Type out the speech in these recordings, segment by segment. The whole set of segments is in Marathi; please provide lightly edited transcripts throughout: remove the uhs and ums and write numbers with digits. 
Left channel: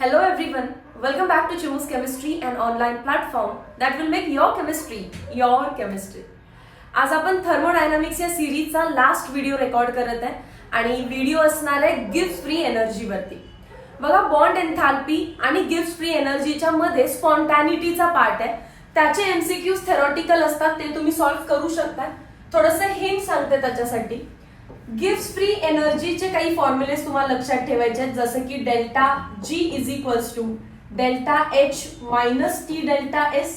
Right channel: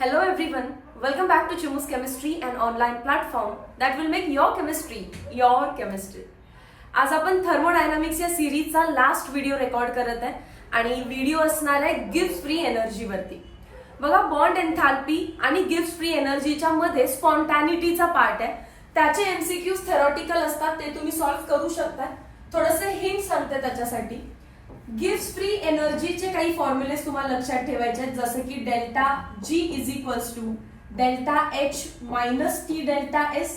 Hello everyone, welcome back to Chimu's Chemistry, an online platform that will make your chemistry your chemistry. आज आपण थर्मोडायनामिक्स या सिरीजचा लास्ट व्हिडिओ रेकॉर्ड करत आहे आणि व्हिडिओ असणार आहे गिब्स फ्री एनर्जी वरती. बघा, बॉन्ड एन्थॅल्पी आणि गिब्स फ्री एनर्जीच्या मध्ये स्पॉन्टॅनिटीचा पार्ट आहे. त्याचे एमसीक्यूज थेरॉटिकल असतात, ते तुम्ही सॉल्व्ह करू शकता. थोडंसं हिंट सांगते त्याच्यासाठी. गिब्स फ्री एनर्जीचे काही फॉर्म्युलेस तुम्हाला लक्षात ठेवायचे आहेत, जसं की delta G is equals to delta H minus T delta S,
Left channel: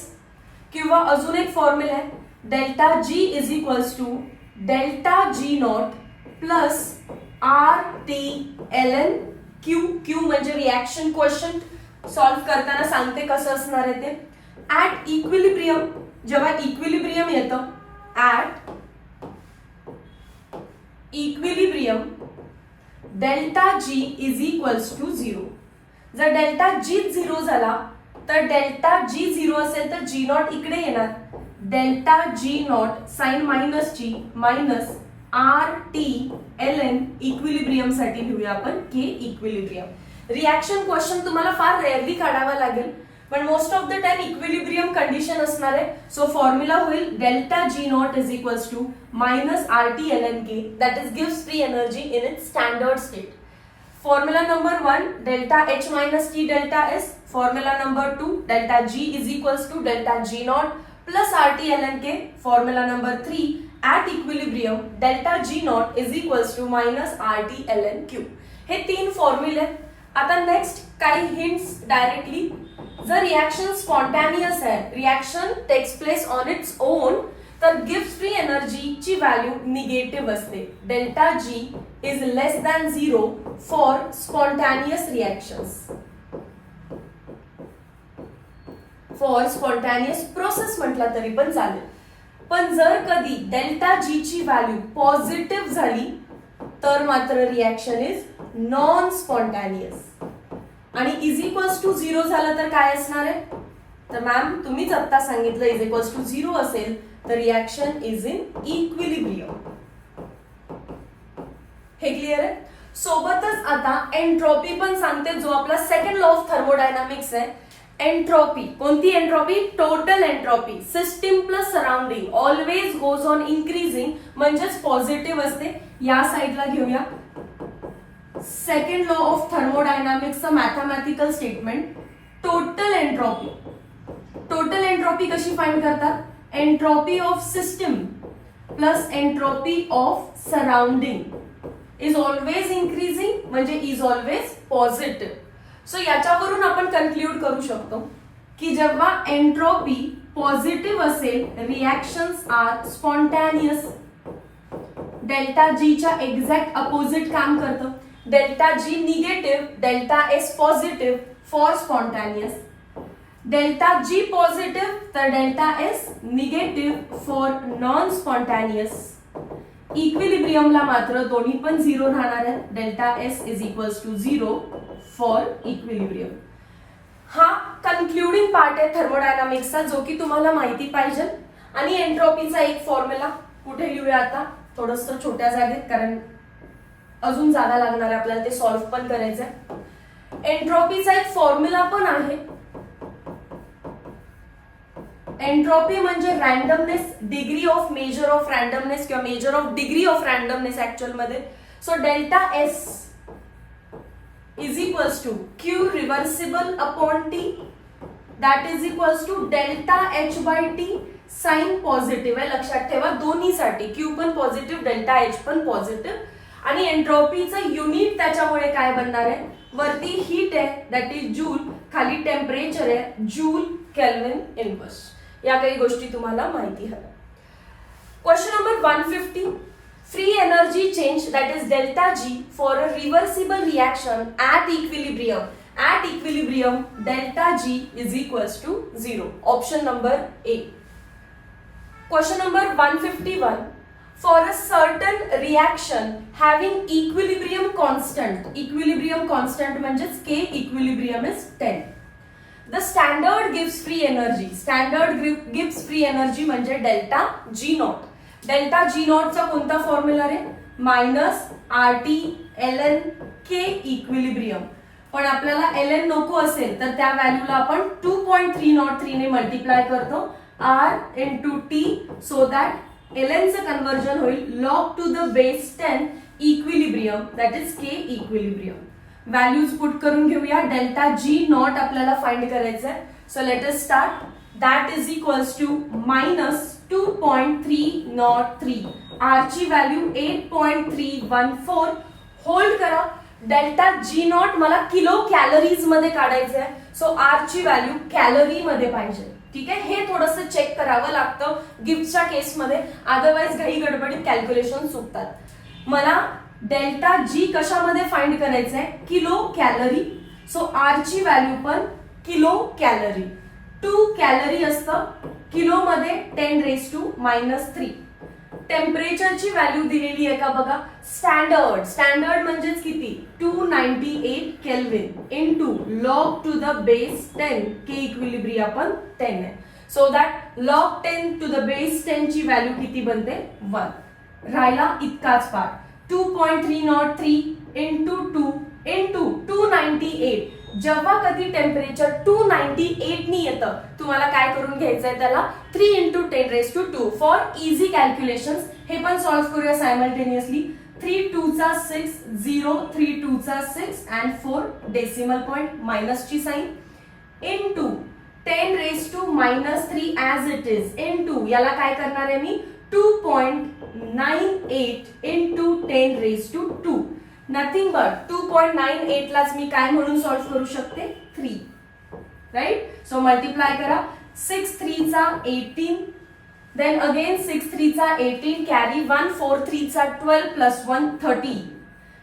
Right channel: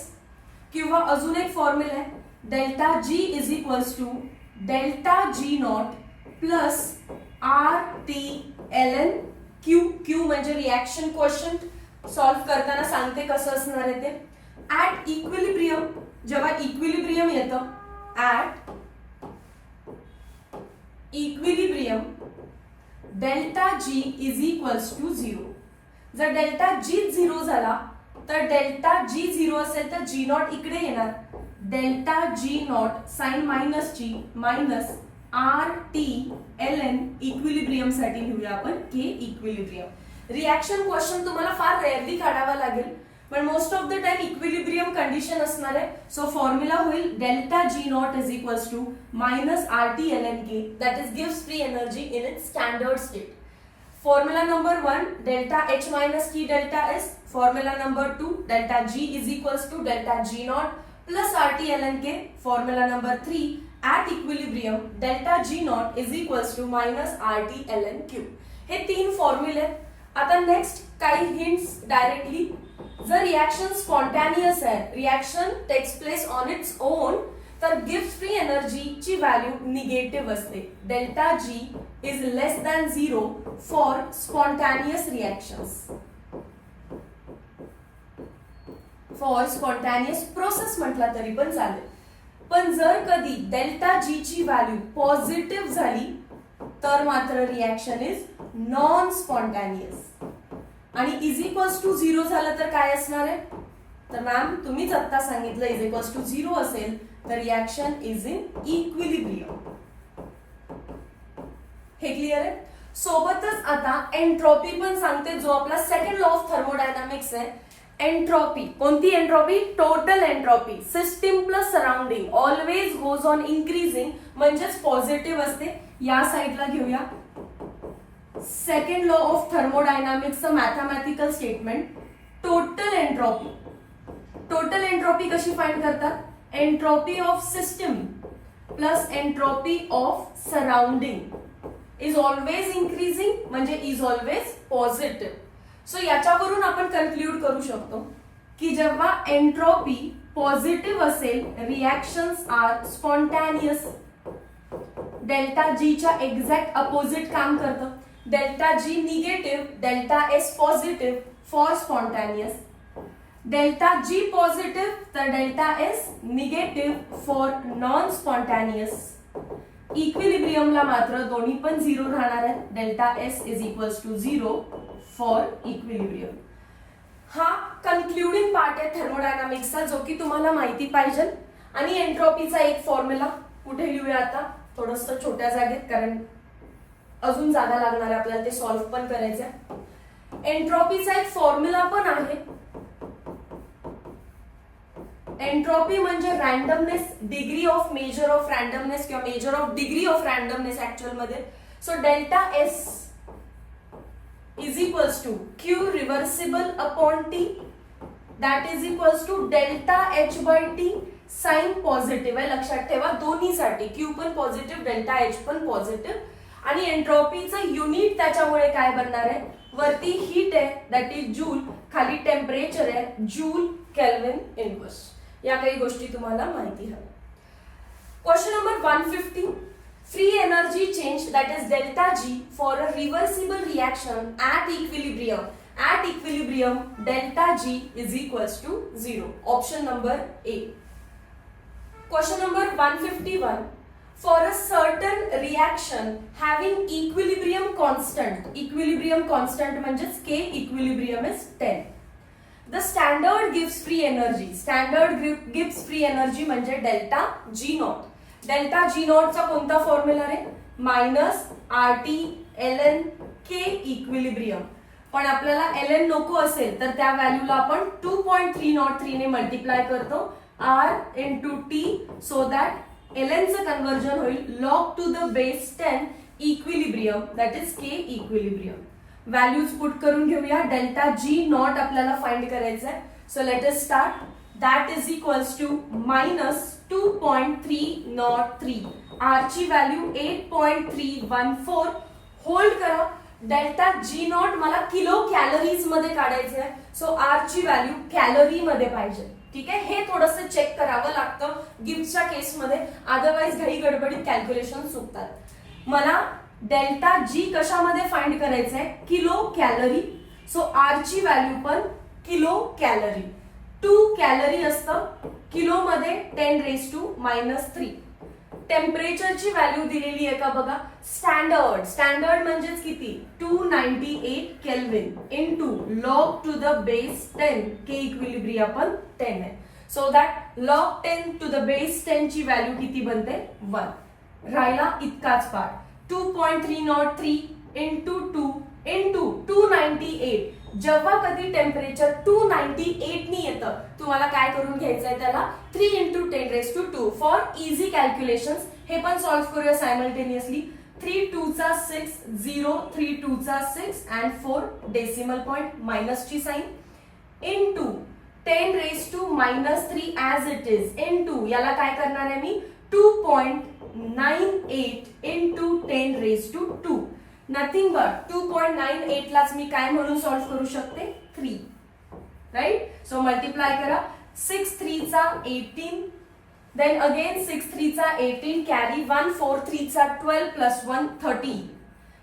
किंवा अजून एक फॉर्म्युला आहे delta G is equals to delta G not plus R T L N Q. Q म्हणजे रिॲक्शन क्वोशंट. सॉल्व्ह करताना सांगते कसं असणार आहे ते. ऍट इक्विलिब्रियम, जेव्हा इक्विलिब्रियम येतं, at equilibrium delta G is equals to zero. जर डेल्टा जी झिरो झाला तर डेल्टा जी झिरो असेल तर जी नॉट इकडे येणार. Delta G naught sign minus G minus R T L N equilibrium साठी लिहूया आपण के इक्विलिब्रियम. रिॲक्शन क्वेश्चन तुम्हाला फार रेअरली काढावा लागेल, पण most of the time equilibrium condition असणार आहे. सो फॉर्म्युला होईल delta G not is equals to minus R T L N K, that is गिव्स free energy in its standard state. Formula number 1 delta H minus T delta S. Formula number 2 delta G is equals to delta G not plus R T L N K. Formula number 3 at equilibrium delta G not is equals to minus R T L N Q. हे 3 फॉर्म्युले. आता नेक्स्ट काही हिंट्स डायरेक्टली. जर रिॲक्शन स्पॉन्टॅनियस आहे, reaction takes place on its own, तर गिब्स फ्री एनर्जीची व्हॅल्यू निगेटिव्ह असते. Delta G is less than zero for spontaneous reactions. For spontaneous process म्हटलं तरी पण चालेल. पण जर कधी डेल्टा जी ची व्हॅल्यू पॉझिटिव्ह झाली तर मात्र रिॲक्शन इज नॉन स्पॉन्टॅनियस. आणि इज इक्वल्स टू झिरो झालं तर काय असणार आहे? तर मॅम तुम्हीच आता सांगितलं इज इक्वल्स टू झिरो असेल तर रिॲक्शन इज इन इक्विलिब्रियम. हे क्लिअर आहे? सोबतच आता एंट्रॉपी पण सांगते, जो आपला सेकंड लॉ ऑफ थर्मोडायनामिक्स आहे. एंट्रॉपी, कोणती entropy? Total entropy. System plus surrounding always goes on increasing, म्हणजेच पॉझिटिव्ह असते. या साईडला घेऊया. सेकंड लॉ ऑफ थर्मोडायनामिक्सचं mathematical statement. Total entropy. Total entropy कशी फाइंड करतात? Entropy of system plus entropy of surrounding is always increasing, म्हणजे इज ऑलवेज पॉझिटिव्ह. सो याच्यावरून आपण कन्क्ल्यूड करू शकतो की जेव्हा एंट्रॉपी पॉझिटिव्ह असेल, reactions are spontaneous. Delta G च्या एक्झॅक्ट अपोजिट काम करतं. Delta G negative, delta S positive for spontaneous. Delta G positive तर delta S negative for non spontaneous. इक्विलिब्रियमला मात्र दोन्ही पण झिरो राहणार आहे. Delta S is equals to zero for equilibrium. हा कन्क्लुडिंग पार्ट आहे थर्मोडायनामिक्सचा, जो की तुम्हाला माहिती पाहिजे. आणि एंट्रॉपीचा एक फॉर्म्युला कुठे लिहूया आता? थोडस छोट्या जागेत, कारण अजून जागा लागणार आहे आपल्याला ते सॉल्व्ह पण करायचंय. एंट्रॉपीचा एक फॉर्म्युला पण आहे. एंट्रॉपी म्हणजे randomness, degree of measure of randomness किंवा measure of degree of randomness actual मध्ये. So delta S is equals to Q reversible upon T, that is equals to delta H by T. Sign positive आहे, लक्षात ठेवा दोन्हीसाठी. क्यू पण पॉझिटिव्ह, डेल्टा एच पण पॉझिटिव्ह. आणि एंट्रॉपीचं युनिट त्याच्यामुळे काय बनणार आहे? वरती हीट आहे, दॅट इज जूल. खाली टेम्परेचर आहे, जूल केल्विन इनवर्स. या काही गोष्टी तुम्हाला माहिती हव्या. Question number 150. Free energy change, that is delta G, for a reversible reaction at equilibrium. At equilibrium, delta G is equals to 0. Option number A. Question number 151. For a certain reaction having equilibrium constant. Equilibrium constant म्हणजेच K equilibrium is 10. The standard gives free energy. Standard gives free energy म्हणजे delta G naught. Delta G नॉटचा कोणता फॉर्म्युला आहे? Minus R T L N K equilibrium. पण आपल्याला ln नको असेल तर त्या व्हॅल्यूला आपण 2.303 ने मल्टिप्लाय करतो r into T, so that ln चं कन्वर्जन होईल log to the base 10 equilibrium, that is k equilibrium. Values put करून घेऊया. डेल्टा जी नॉट आपल्याला फाइंड करायचं आहे. So let us start. That is equals to minus 2.303. R ची व्हॅल्यू 8.314. होल्ड करा. डेल्टा जी नॉट मला किलो कॅलरीज मध्ये काढायचं आहे. सो आर ची व्हॅल्यू कॅलरी मध्ये पाहिजे. ठीक आहे, हे थोडंसं चेक करावं लागतं गिफ्टच्या केसमध्ये, अदरवाइज घाई गडबडीत कॅल्क्युलेशन चुकतात. मला डेल्टा जी कशामध्ये फाइंड करायचं आहे? Kilo calorie. सो आर ची व्हॅल्यू पण किलो कॅलरी. 2 कॅलरी असतं किलो मध्ये 10⁻⁻3. टेम्परेचरची व्हॅल्यू दिलेली आहे का बघा. स्टँडर्ड म्हणजेच किती? 298 kelvin into log to the base 10, K equilibrium पण 10 आहे. So that log 10 to the base 10 ची व्हॅल्यू किती बनते? 1. राहिला इतकाच पार्ट. 2.303 into 2 into 298. जेव्हा कधी टेम्परेचर 298 नी येतं, तुम्हाला काय करून घ्यायचंय त्याला 3 इंटू 10⁻². फॉर इझी कॅल्क्युलेशन्स हे पण सॉल्व्ह करूया सायमल्टेनियसली. 3 2 चा 6, 0 3 2 चा 6 अँड 4 डेसिमल पॉइंट मायनसची sign into 10⁻³ as it is into याला काय करणार आहे मी 2.98 इंटू 10⁻². नथिंग बट 2.98 लाच मी काय म्हणून सॉल्व्ह करू शकते? 3. राईट. सो मल्टिप्लाय करा. 6 3 चा 18, देन अगेन 6 3 चा 18 कॅरी 1 4 3 चा 12 प्लस 1 13.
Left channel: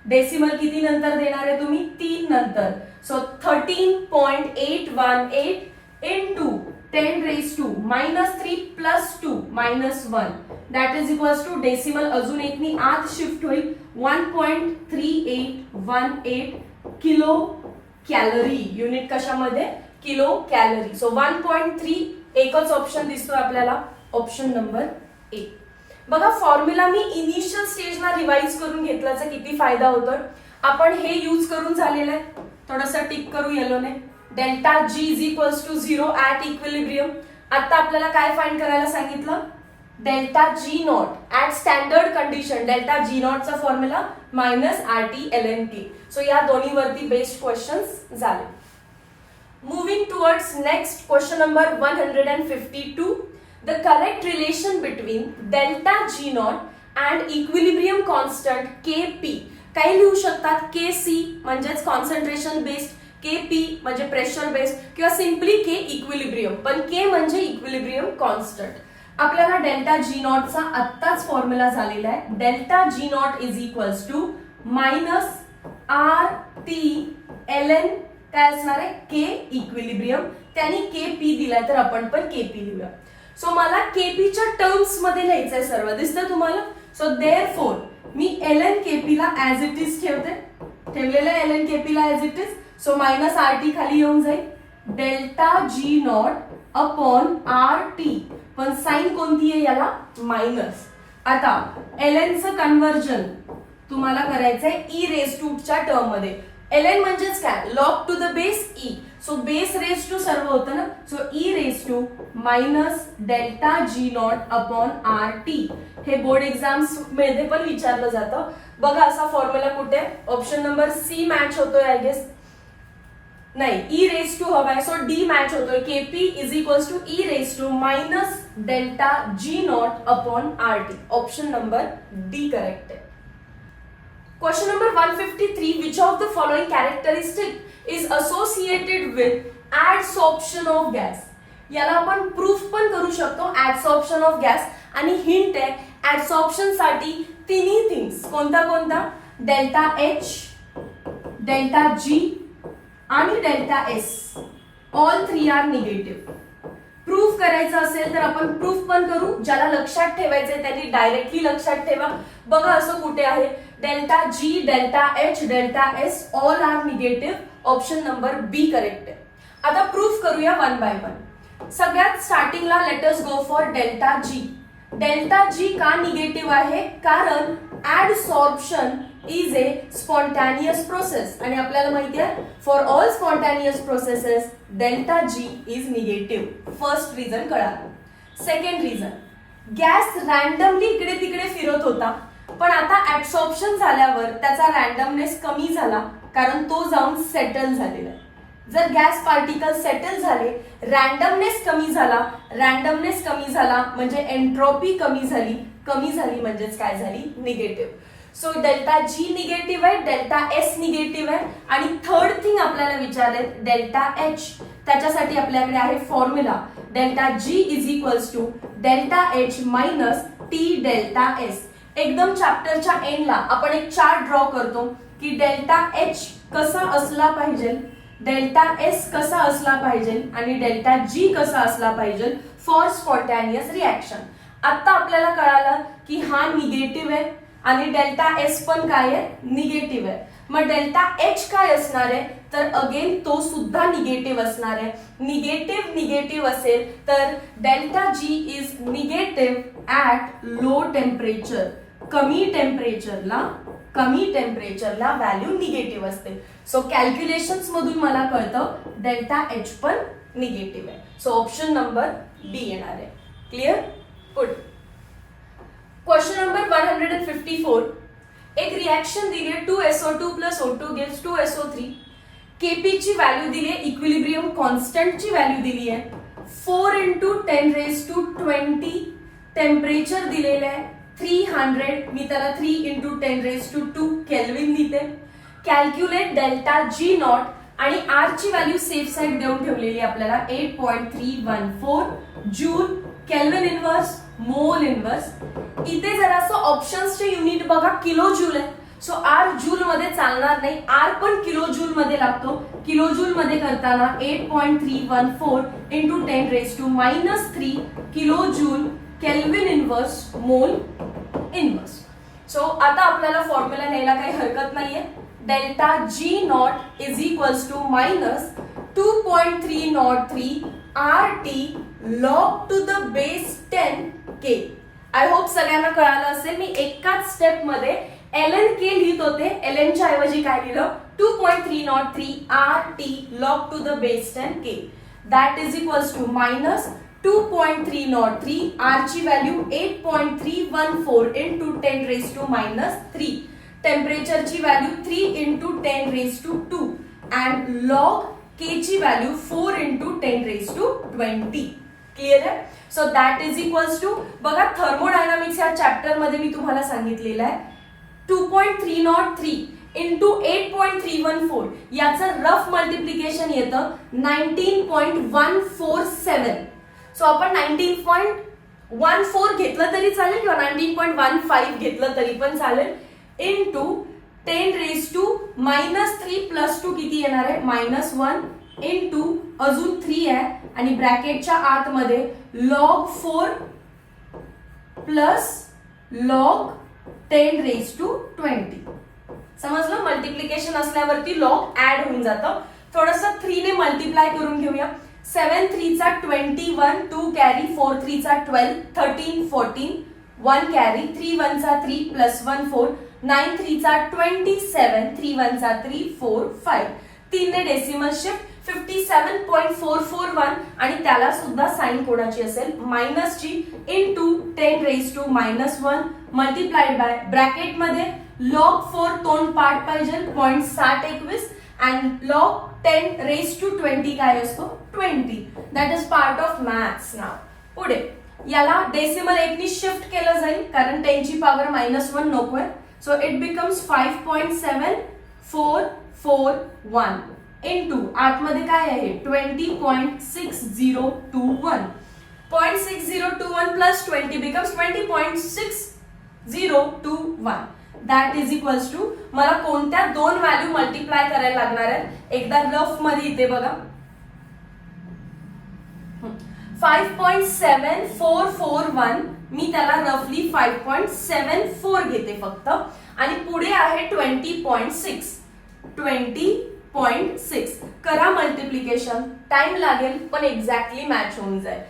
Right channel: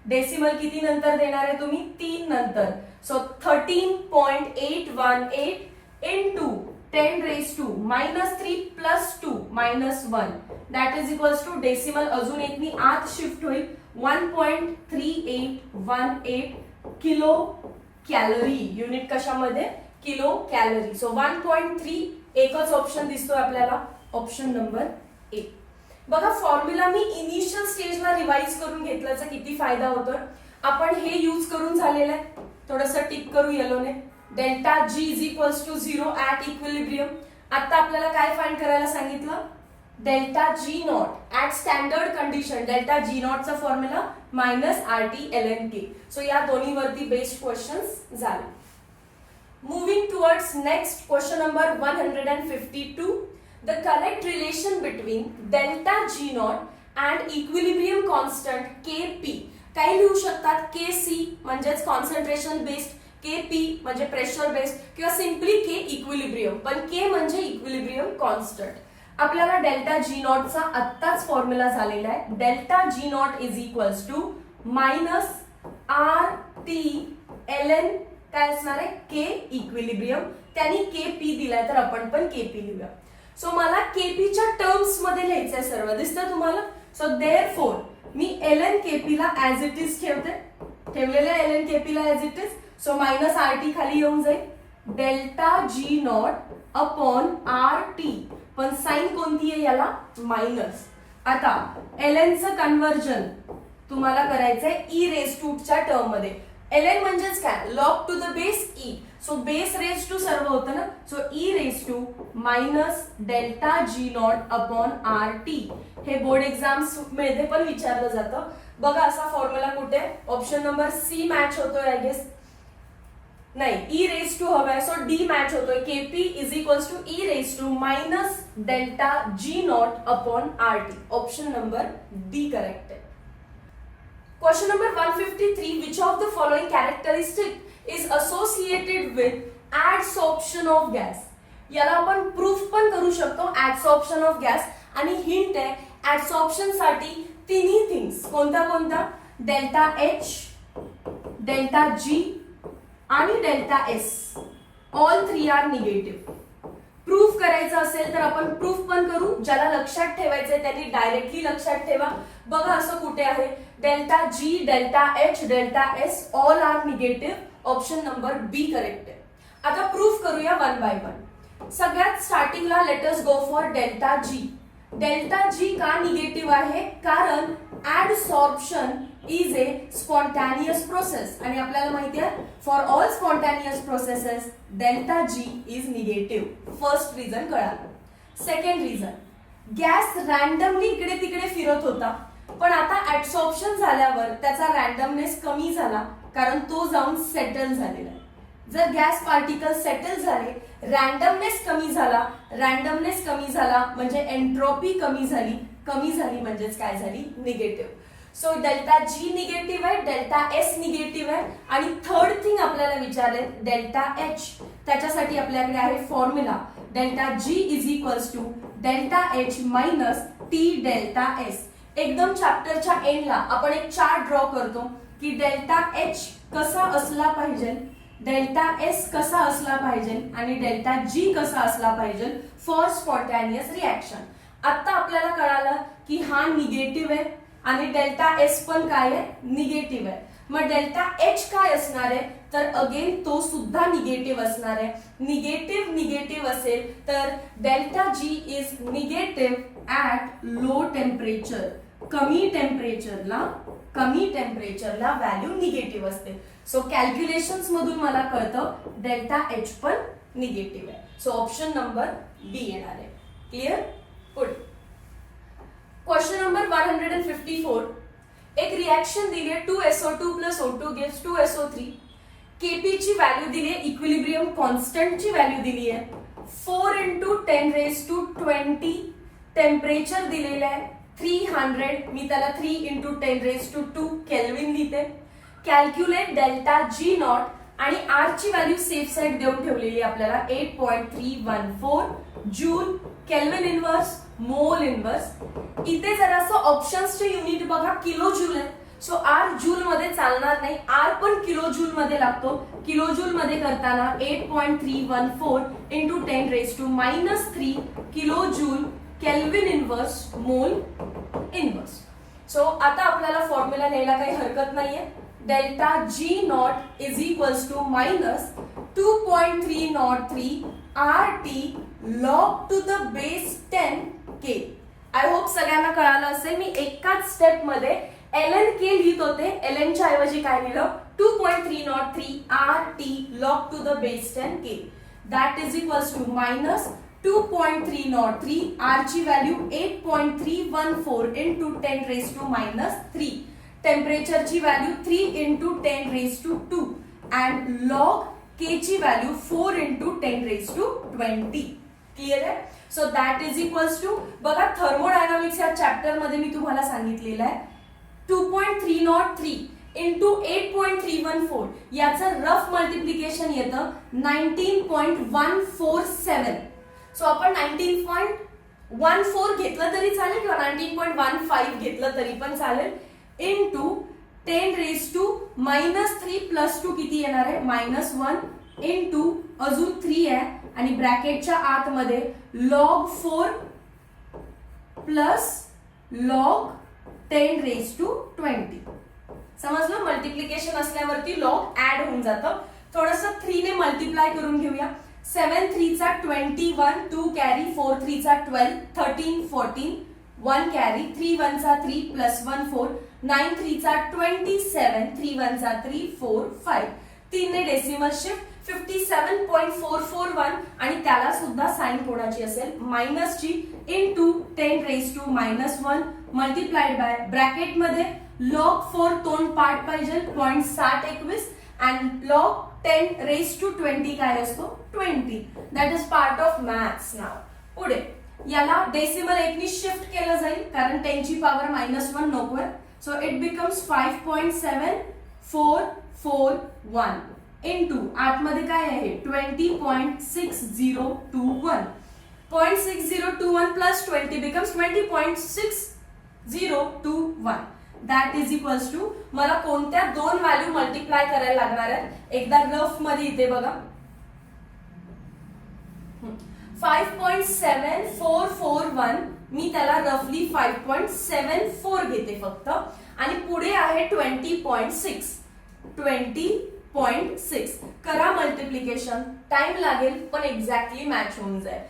डेसिमल किती नंतर देणार आहे तुम्ही? 3 नंतर. So 13.818 into 10⁻³ plus 2 minus 1, that is equals to decimal अजून एक नी आत शिफ्ट होईल 1.3818 किलो कॅलरी. युनिट कशामध्ये? Kilo calorie. सो 1.3 एकच ऑप्शन दिसतोय आपल्याला, ऑप्शन नंबर ए. बघा फॉर्म्युला मी इनिशियल स्टेजला रिवाइज करून घेतल्याचा किती फायदा होतोय. आपण हे यूज करून झालेलं आहे. थोडंसं टिक करू येलोने. Delta G is equals to 0 at equilibrium. आता आपल्याला काय फाइंड करायला सांगितलं? Delta G naught at standard condition. Delta G not चा formula minus RT ln k. So या दोन्हीवरती बेस्ड क्वेश्चन्स झाले. Moving towards next question number 152. The correct relation between delta G naught and equilibrium constant Kp. काही लिहू शकतात Kc म्हणजेच कॉन्सन्ट्रेशन बेस्ड, Kp म्हणजे प्रेशर बेस्ड किंवा सिम्पली K इक्विलिब्रियम. पण K म्हणजे इक्विलिब्रियम कॉन्स्टंट. आपल्याला डेल्टा जी नॉट चा आत्ताच फॉर्म्युला झालेला आहे. Delta G not is equals to minus RT ln काय असणार आहे? K equilibrium. त्यांनी Kp दिलाय तर आपण पण Kp लिहूया. सो मला Kp च्या टर्म्स मध्ये लिहायचंय सर्व. दिसतं तुम्हाला? सो देअरफॉर मी ln Kp ला ऍज इट इज ठेवते. ठेवलेलं आहे ln Kp ला as it is. So minus RT खाली येऊन जाईल. Delta G not upon RT, पण साइन कोणती आहे याला? मायनस. आता ln चं कन्वर्जन तुम्हाला करायचंय e⁻² च्या टर्म मध्ये. ln म्हणजेच काय? Log to the base e. So base raise to सर्व होतं ना. So e⁻² minus delta G not upon RT. हे बोर्ड एक्झाम्स मध्ये पण विचारलं जातं. बघा असा फॉर्म्युला कुठे? ऑप्शन नंबर सी मॅच होतोय आय गेस. नाही, e⁻² हवाय. सो डी मॅच होतोय. Kp is equals to e⁻² minus delta G not upon RT. Option number D correct आहे. Question number 153. Which of the following characteristic is associated with adsorption of gas. याला आपण प्रूफ पण करू शकतो ऍडसॉर्प्शन ऑफ गॅस. आणि हिंट आहे ऍडसॉर्प्शन साठी तिन्ही थिंग्स. कोणता कोणता? डेल्टा H, डेल्टा G आणि delta S. All 3 are negative. Proof करायचं असेल तर आपण प्रूफ पण करू. ज्याला लक्षात ठेवायचंय त्यांनी डायरेक्टली लक्षात ठेवा. बघा असं कुठे आहे? Delta G, delta H, delta S all are negative. Option number B correct आहे. आता प्रूफ करूया वन बाय वन. सगळ्यात स्टार्टिंगला let us go for delta G. Delta G का निगेटिव्ह आहे? कारण adsorption is a spontaneous process आणि आपल्याला माहिती आहे for all spontaneous processes delta G is negative. First reason कळालं. सेकंड रिझन, गॅस रॅन्डमली इकडे तिकडे फिरत होता पण आता ऍडसॉर्प्शन झाल्यावर त्याचा रॅन्डमनेस कमी झाला कारण तो जाऊन सेटल झालेला आहे. जर गॅस पार्टिकल सेटल झाले, रॅन्डमनेस कमी झाला, रॅन्डमनेस कमी झाला म्हणजे एंट्रोपी कमी झाली म्हणजेच काय झाली, negative. So delta G negative आहे, डेल्टा एस निगेटिव्ह आहे आणि थर्ड थिंग आपल्याला विचारले डेल्टा एच. त्याच्यासाठी आपल्याकडे आहे formula delta G is equals to delta H minus T delta S. एकदम चॅप्टरच्या एंडला आपण एक चार्ट ड्रॉ करतो की डेल्टा एच कसा असला पाहिजे, डेल्टा एस कसा असला पाहिजे आणि डेल्टा जी कसा असला पाहिजे फॉर स्पॉन्टॅनियस रिॲक्शन. आता आपल्याला कळालं की हा निगेटिव्ह आहे आणि डेल्टा एस पण काय आहे, निगेटिव्ह आहे. मग डेल्टा एच काय असणार आहे तर अगेन तो सुद्धा निगेटिव्ह असणार आहे. निगेटिव्ह असेल तर delta G is negative at low temperature. कमी टेम्परेचरला व्हॅल्यू निगेटिव्ह असते. सो कॅल्क्युलेशन्स मधून मला कळतं डेल्टा एच पण निगेटिव्ह आहे. सो ऑप्शन नंबर बी येणार आहे. क्लिअर. पुढे क्वेश्चन नंबर 154. एक रिएक्शन दिली आहे 2SO2 plus O2 gives 2SO3. KP ची व्हॅल्यू दिली आहे, इक्विलिब्रियम कॉन्स्टंट ची व्हॅल्यू दिली आहे 4 × 10⁻20. टेम्परेचर दिलेलं आहे 300. मी त्याला 3 × 10⁻2 केल्विन लिहिते. कॅल्क्युलेट डेल्टा जी नॉट आणि आर ची व्हॅल्यू सेफ साइड देऊन ठेवलेली आपल्याला 8.314 joule. Kelvin inverse, mole inverse. इथे जरासं ऑप्शन्सचे युनिट बघा, किलो जूल आहे. सो आर जूल मध्ये चालणार नाही, आर पण किलो जूल मध्ये लागतो. किलो जूल मध्ये करताना 8.314 × 10⁻³ kilo joule kelvin inverse mole inverse. So आता आपल्याला फॉर्म्युला न्यायला काही हरकत नाहीये. Delta G not is equals to minus 2.303 RT log to the base 10 K. I hope सगळ्यांना कळालं असेल. मी एकाच स्टेप मध्ये ln K लिहित होते, ln च्या ऐवजी काय लिहिलं 2.303 RT log to the base 10 K. That is equals to minus 2.303 R ची व्हॅल्यू 8.314 × 10⁻³ टेम्परेचर ची व्हॅल्यू 3 × 10⁻² and log K ची व्हॅल्यू 4 × 10⁻20. क्लिअर आहे. So that is equals to बघा थर्मोडायनामिक्स या चॅप्टर मध्ये मी तुम्हाला सांगितलेलं आहे 2.303 × 8.314 याचं रफ मल्टिप्लिकेशन येतं 19.147. सो आपण 19.14 घेतलं तरी चालेल किंवा 19.15 घेतलं तरी पण चालेल इंटू 10⁻³ प्लस 2 किती येणार आहे -1 इंटू अजून 3 आहे आणि ब्रॅकेटच्या आतमध्ये log 4 प्लस log 10⁻20. समजलं. मल्टिप्लिकेशन असल्यावरती लॉग ऍड होऊन जातं. थोडंसं 3 ने मल्टिप्लाय करून घेऊया. 7 3 चा 21, 2 कॅरी, 4 3 चा 12, 13 14, 1 कॅरी, 3 1 चा 3 प्लस 1 4, 9 3 चा 27, 3 1 चा 3 4 5. 3 ने डेसिमल शिफ्ट 57.441 आणि त्याला सुद्धा साइन कोणाची असेल मायनस ची इंटू 10⁻⁻1 मल्टिप्लाइड बाय ब्रॅकेट मध्ये log 4 तोंड पार्ट पाहिजे 0.721 and log 10⁻20 काय असतो 20. That is part of maths. नाव पुढे याला डेसिमल 1 नी शिफ्ट केलं जाईल कारण 10 ची पॉवर -1 नकोय. सो इट बिकम्स 5.7441 इंटू आतमध्ये काय आहे 20.6021. 0.6021 plus 20 becomes 20.6021. That is equals to मला कोणत्या दोन व्हॅल्यू मल्टिप्लाय करायला लागणार आहेत एकदा रफ मध्ये इथे बघा 5.7441 मी त्याला रफली 5.74 घेते फक्त आणि पुढे आहे 20.6 करा मल्टिप्लिकेशन. टाइम लागेल पण एक्झॅक्टली मॅच होऊन जाईल.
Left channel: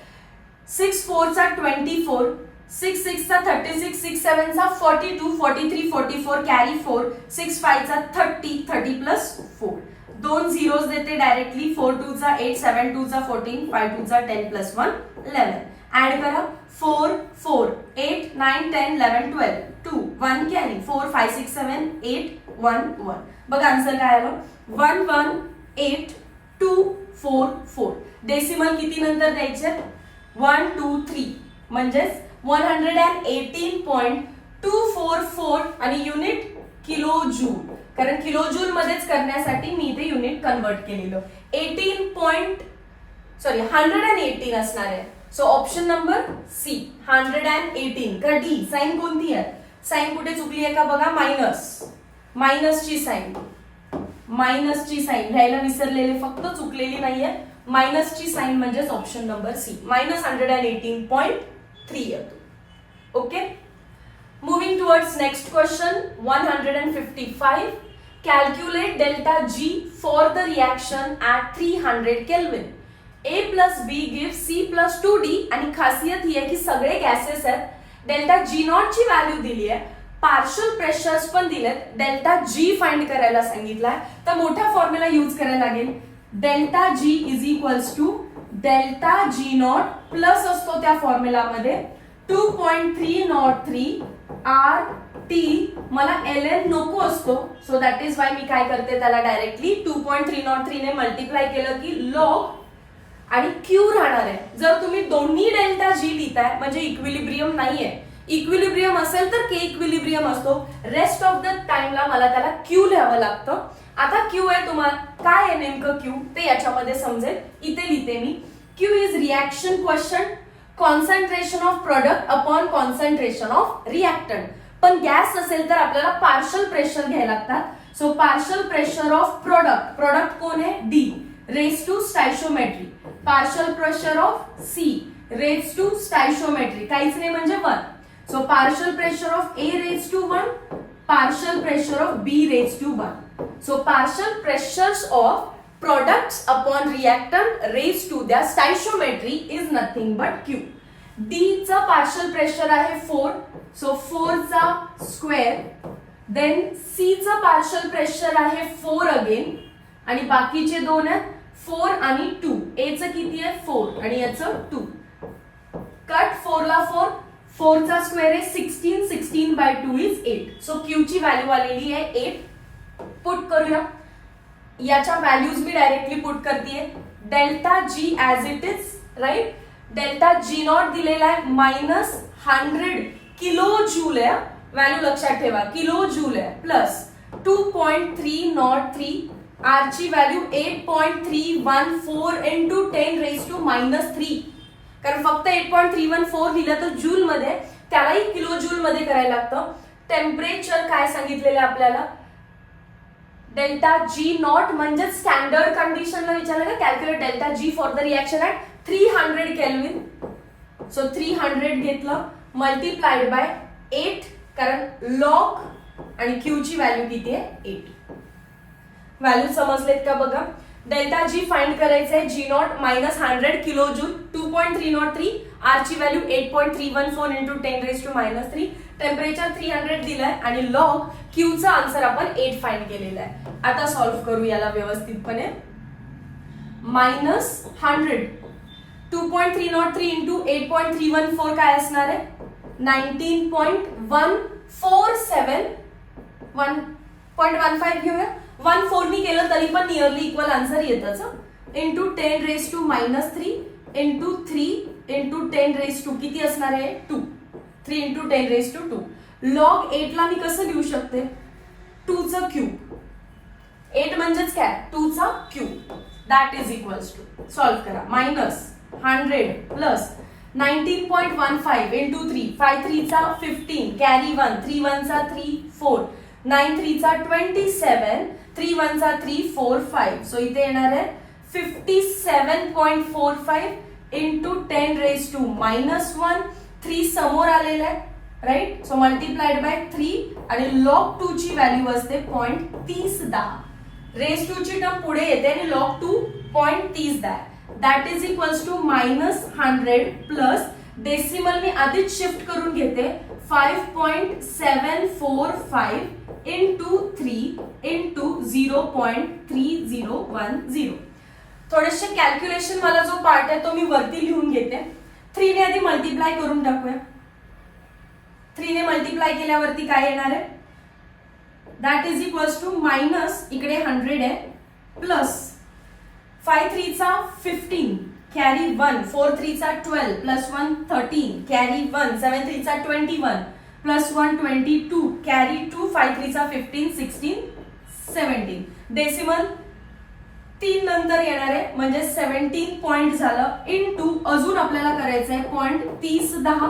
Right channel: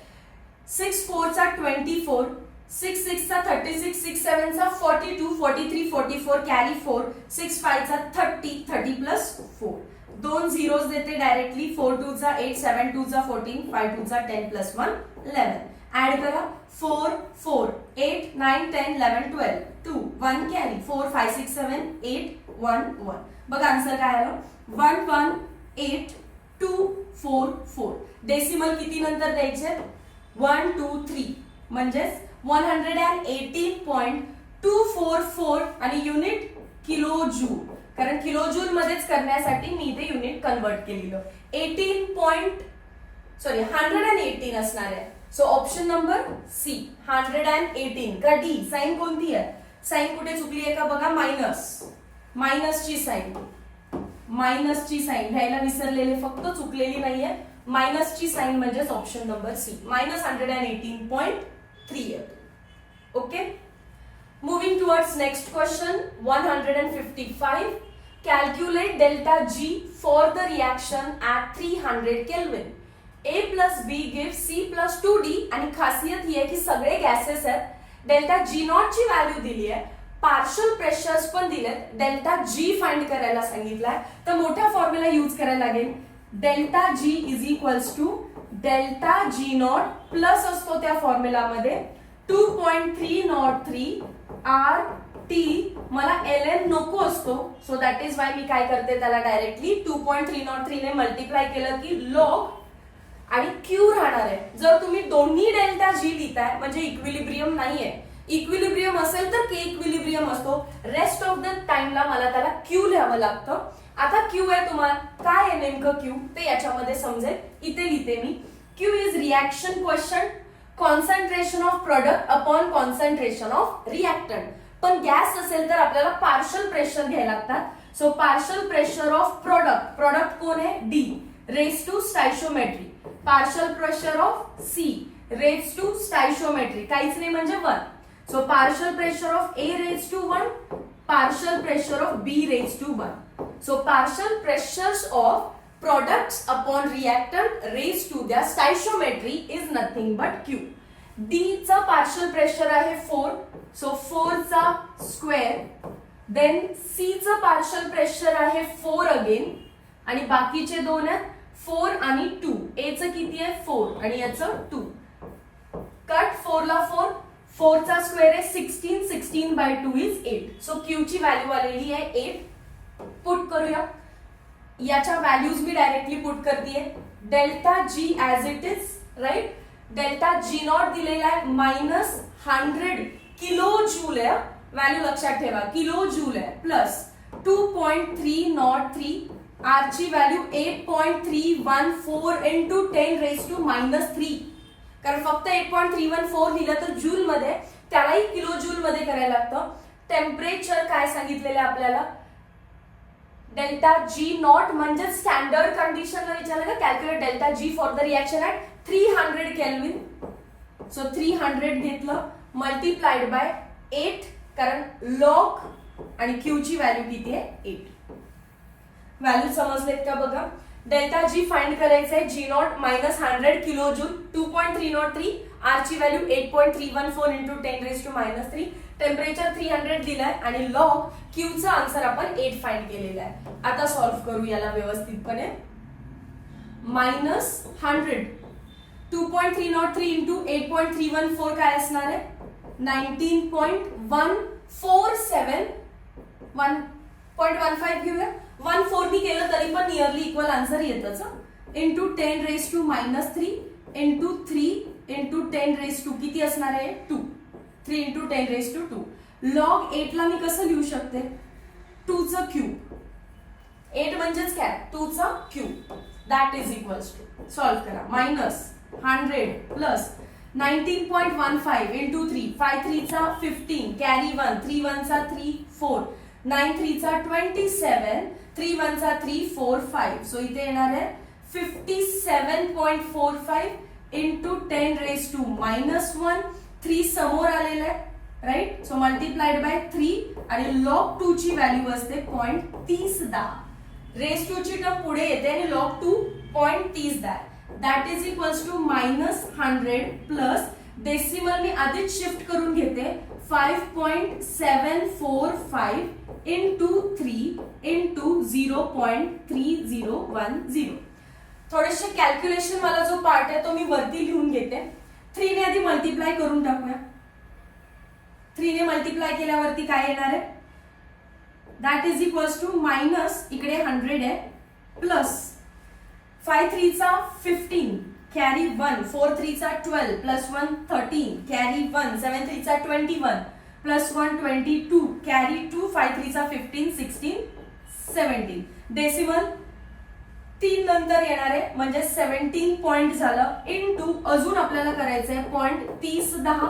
6 4 चा 24, 6 6 चा 36, 6 7 चा 42, 43, 44 कॅरी 4, 6 5 चा 30, 30 प्लस 4. दोन झिरोज देते डायरेक्टली. 4 2 चा 8, 7 2 चा 14, 5 2 चा 10 प्लस 1 11. ऍड करा. 4 4 8 9 10 11 12 2 1 कॅरी 4 5 6 7 8 1 1. बघा आन्सर काय आलं. 1 1 8 2 4 4. डेसिमल किती नंतर द्यायचे. 1 2 3 म्हणजेच 118.244 आणि युनिट किलो जूल. कारण किलो जूल मध्येच करण्यासाठी मी इथे युनिट कन्वर्ट केलेलं. 118 असणार आहे. So option number C 118. का डी साइन कोणती आहे. साइन कुठे चुकली आहे का बघा. मायनसची साइन घ्यायला विसरलेले, फक्त चुकलेली नाहीये. मायनसची साइन म्हणजेच ऑप्शन नंबर सी -118.3 येतो. Okay. Moving towards next question, 155. Calculate delta G for the reaction at 300 Kelvin. A plus B gives C plus 2D. आणि खासियत ही आहे की सगळे गॅसेस आहेत. डेल्टा G नॉट ची व्हॅल्यू दिली आहे. पार्शल प्रेशर्स पण दिलेत. डेल्टा G फाइंड करायला सांगितलाय. तर मोठा फॉर्म्युला यूज करायला लागेल. Delta G is equals to delta G not plus असतो त्या फॉर्म्युलामध्ये 2.303 आर टी. मला LN नको असतो. सो दॅट इज वाय मी काय करते त्याला डायरेक्टली 2.303 ने मल्टिप्लाय केलं की लॉग आणि क्यू राहणार आहे. जर तुम्ही दोन्ही डेल्टा G लिहिताय म्हणजे इक्विलिब्रियम नाहीये. इक्विलिब्रियम असेल तर के इक्विलिब्रियम असतो. रेस्ट ऑफ द टाइमला मला त्याला क्यू लिहावं लागतं. आता क्यू आहे तुम्हाला काय आहे नेमकं क्यू ते याच्यामध्ये समजेल. इथे लिहिते मी. Q is reaction question concentration of product upon concentration of reactant. पण गॅस असेल तर आपल्याला पार्शल प्रेशर घ्यायला लागतात. So partial pressure of product कोण आहे D raise to stoichiometry. Partial pressure of C raise to stoichiometry काहीच नाही म्हणजे 1. So partial pressure of A raise to 1, partial pressure of B raise to 1. So partial pressures of products upon reactant raised to their stoichiometry is nothing but Q. D चा पार्शल प्रेशर आहे 4. सो 4 चा स्क्वेअर. देन C चा पार्शल प्रेशर आहे 4 अगेन आणि बाकीचे दोन आहेत 4 आणि 2. A चं किती आहे 4 आणि याचं 2. कट 4 ला 4. 4 चा स्क्वेअर आहे 16. 16/2 इज 8. सो Q ची व्हॅल्यू आलेली आहे 8. पुट करूया. याच्या व्हॅल्यूज मी डायरेक्टली पुट करतेय. Delta G as it is right. Delta G not दिलेला आहे -100 किलो जूल आहे. व्हॅल्यू लक्षात ठेवा किलो जूल आहे. प्लस 2.303 आर ची व्हॅल्यू 8.314 इंटू 10 रेज टू -3. कारण फक्त 8.314 लिहिलं तर जूल मध्ये त्यालाही किलो जूल मध्ये करायला लागतं. टेम्परेचर काय सांगितलेलं आहे आपल्याला डेल्टा G नॉट म्हणजे स्टँडर्ड कंडिशनला विचारलं का calculate delta G for the reaction at 300 kelvin. So 300 घेतलं मल्टिप्लाइड बाय 8 कारण लॉग आणि Q ची व्हॅल्यू किती आहे 8. व्हॅल्यू समजलेत का बघा. डेल्टा G फाइंड करायचं आहे. G naught -100 kilo joule 2.303 R ची value 8.314 into 10 raise to -3. Temperature 300 दिलाय आणि लॉग Q चा आन्सर आपण 8 फाइंड केलेला आहे. आता सॉल्व्ह करू याला व्यवस्थितपणे. -100 2.303 इंटू 8.314 काय असणार आहे 19.147 1.15 घेऊया. 1.4 नी केलं तरी पण नियरली इक्वल आन्सर येतच. Into 10 raise to -3 into 3 into 10 raise to किती असणार आहे 2. 3 इंटू 10 रेज टू 2. लॉग 8 ला मी कसं लिहू शकते 2 चा क्यूब. 8 म्हणजेच काय 2 चा cube. That is equals to solve करा. -100 प्लस 19.15 इंटू 3 5 3 चा 15 कॅरी 1 3 1 चा 3 4 9 3 चा 27 3 1 चा 3 4 5. सो इथे येणार आहे 57.45 इंटू 10 रेज टू -1. 3 समोर आलेलं आहे राईट. सो मल्टिप्लाइड बाय 3 आणि लॉग 2 ची व्हॅल्यू असते 0.30. रेज 2 ची टर्म पुढे येते आणि log 2 0.30. That is equals to -100 plus decimal मी आधीच शिफ्ट करून घेते 5.745 इंटू 3 इंटू 0.3010. थोडेसे कॅल्क्युलेशन मला जो पार्ट आहे तो मी वरती लिहून घेते. 3 ने आधी मल्टिप्लाय करून टाकूया. 3 ने मल्टिप्लाय केल्यावरती काय येणार आहे, that is equals to minus इकडे 100 आहे प्लस 5 3 चा 15 कॅरी 1 4 3 चा 12 प्लस 1 13 कॅरी 1 7 3 चा 21 प्लस 1 22 कॅरी 2 5 3 चा 15 16 17. डेसिमल 3 नंतर येणार आहे म्हणजे 17 पॉइंट झालं इंटू अजून आपल्याला करायचं आहे 0.3010.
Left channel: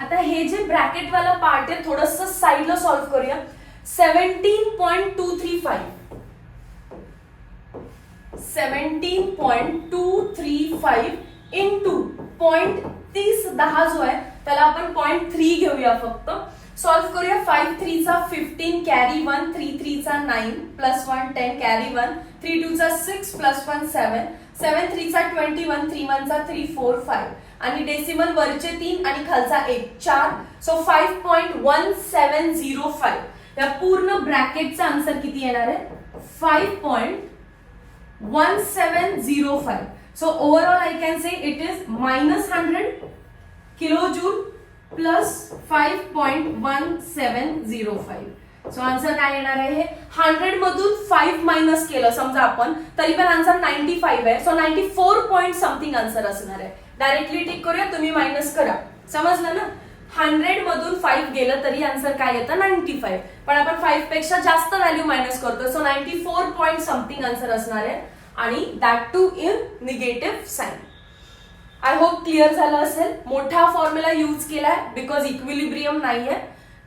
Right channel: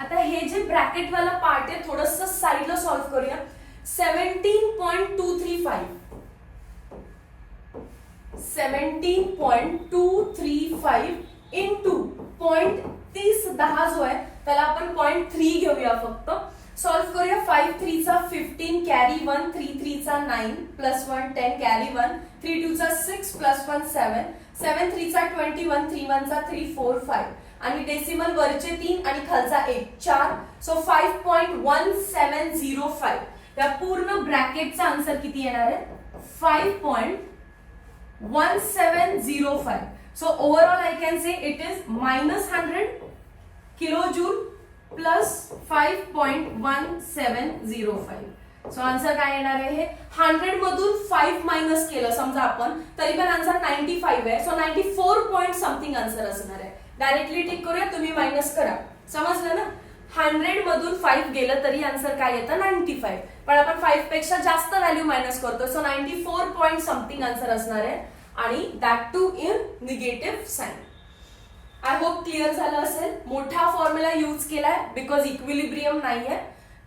आता हे जे ब्रॅकेट वाला पार्ट आहे थोडंसं साइडला सॉल्व्ह करूया. 17.235 इंटू 0.3010 जो आहे त्याला आपण 0.3 घेऊया फक्त. सॉल्व्ह करूया. 5 3 चा 15 कॅरी 1 3 3 चा 9 प्लस 1 10 कॅरी 1 3 2 चा 6 प्लस 1 7 7 3 चा 21 3 1 चा 3 4 5 आणि डेसिमल वरचे 3 आणि खालचा 1 4. सो 5.1705 या पूर्ण ब्रॅकेटचा आन्सर किती येणार आहे 5.1705. So overall I can say it is -100 kilojoule plus 5.1705. So answer काय येणार आहे, 100 मधून 5 मायनस केलं समजा आपण तरी पण आन्सर 95 आहे. सो 94 पॉइंट समथिंग आन्सर असणार आहे. डायरेक्टली टिक करूया, तुम्ही मायनस करा. समजलं ना. 100 मधून 5 गेलं तरी आन्सर काय येतं 95, पण आपण 5 पेक्षा जास्त व्हॅल्यू मायनस करतो. सो 94 पॉइंट समथिंग आन्सर असणार आहे आणि that too in negative sign. I hope clear झालं असेल. मोठा फॉर्म्युला यूज केलाय बिकॉज इक्विलिब्रियम नाहीये.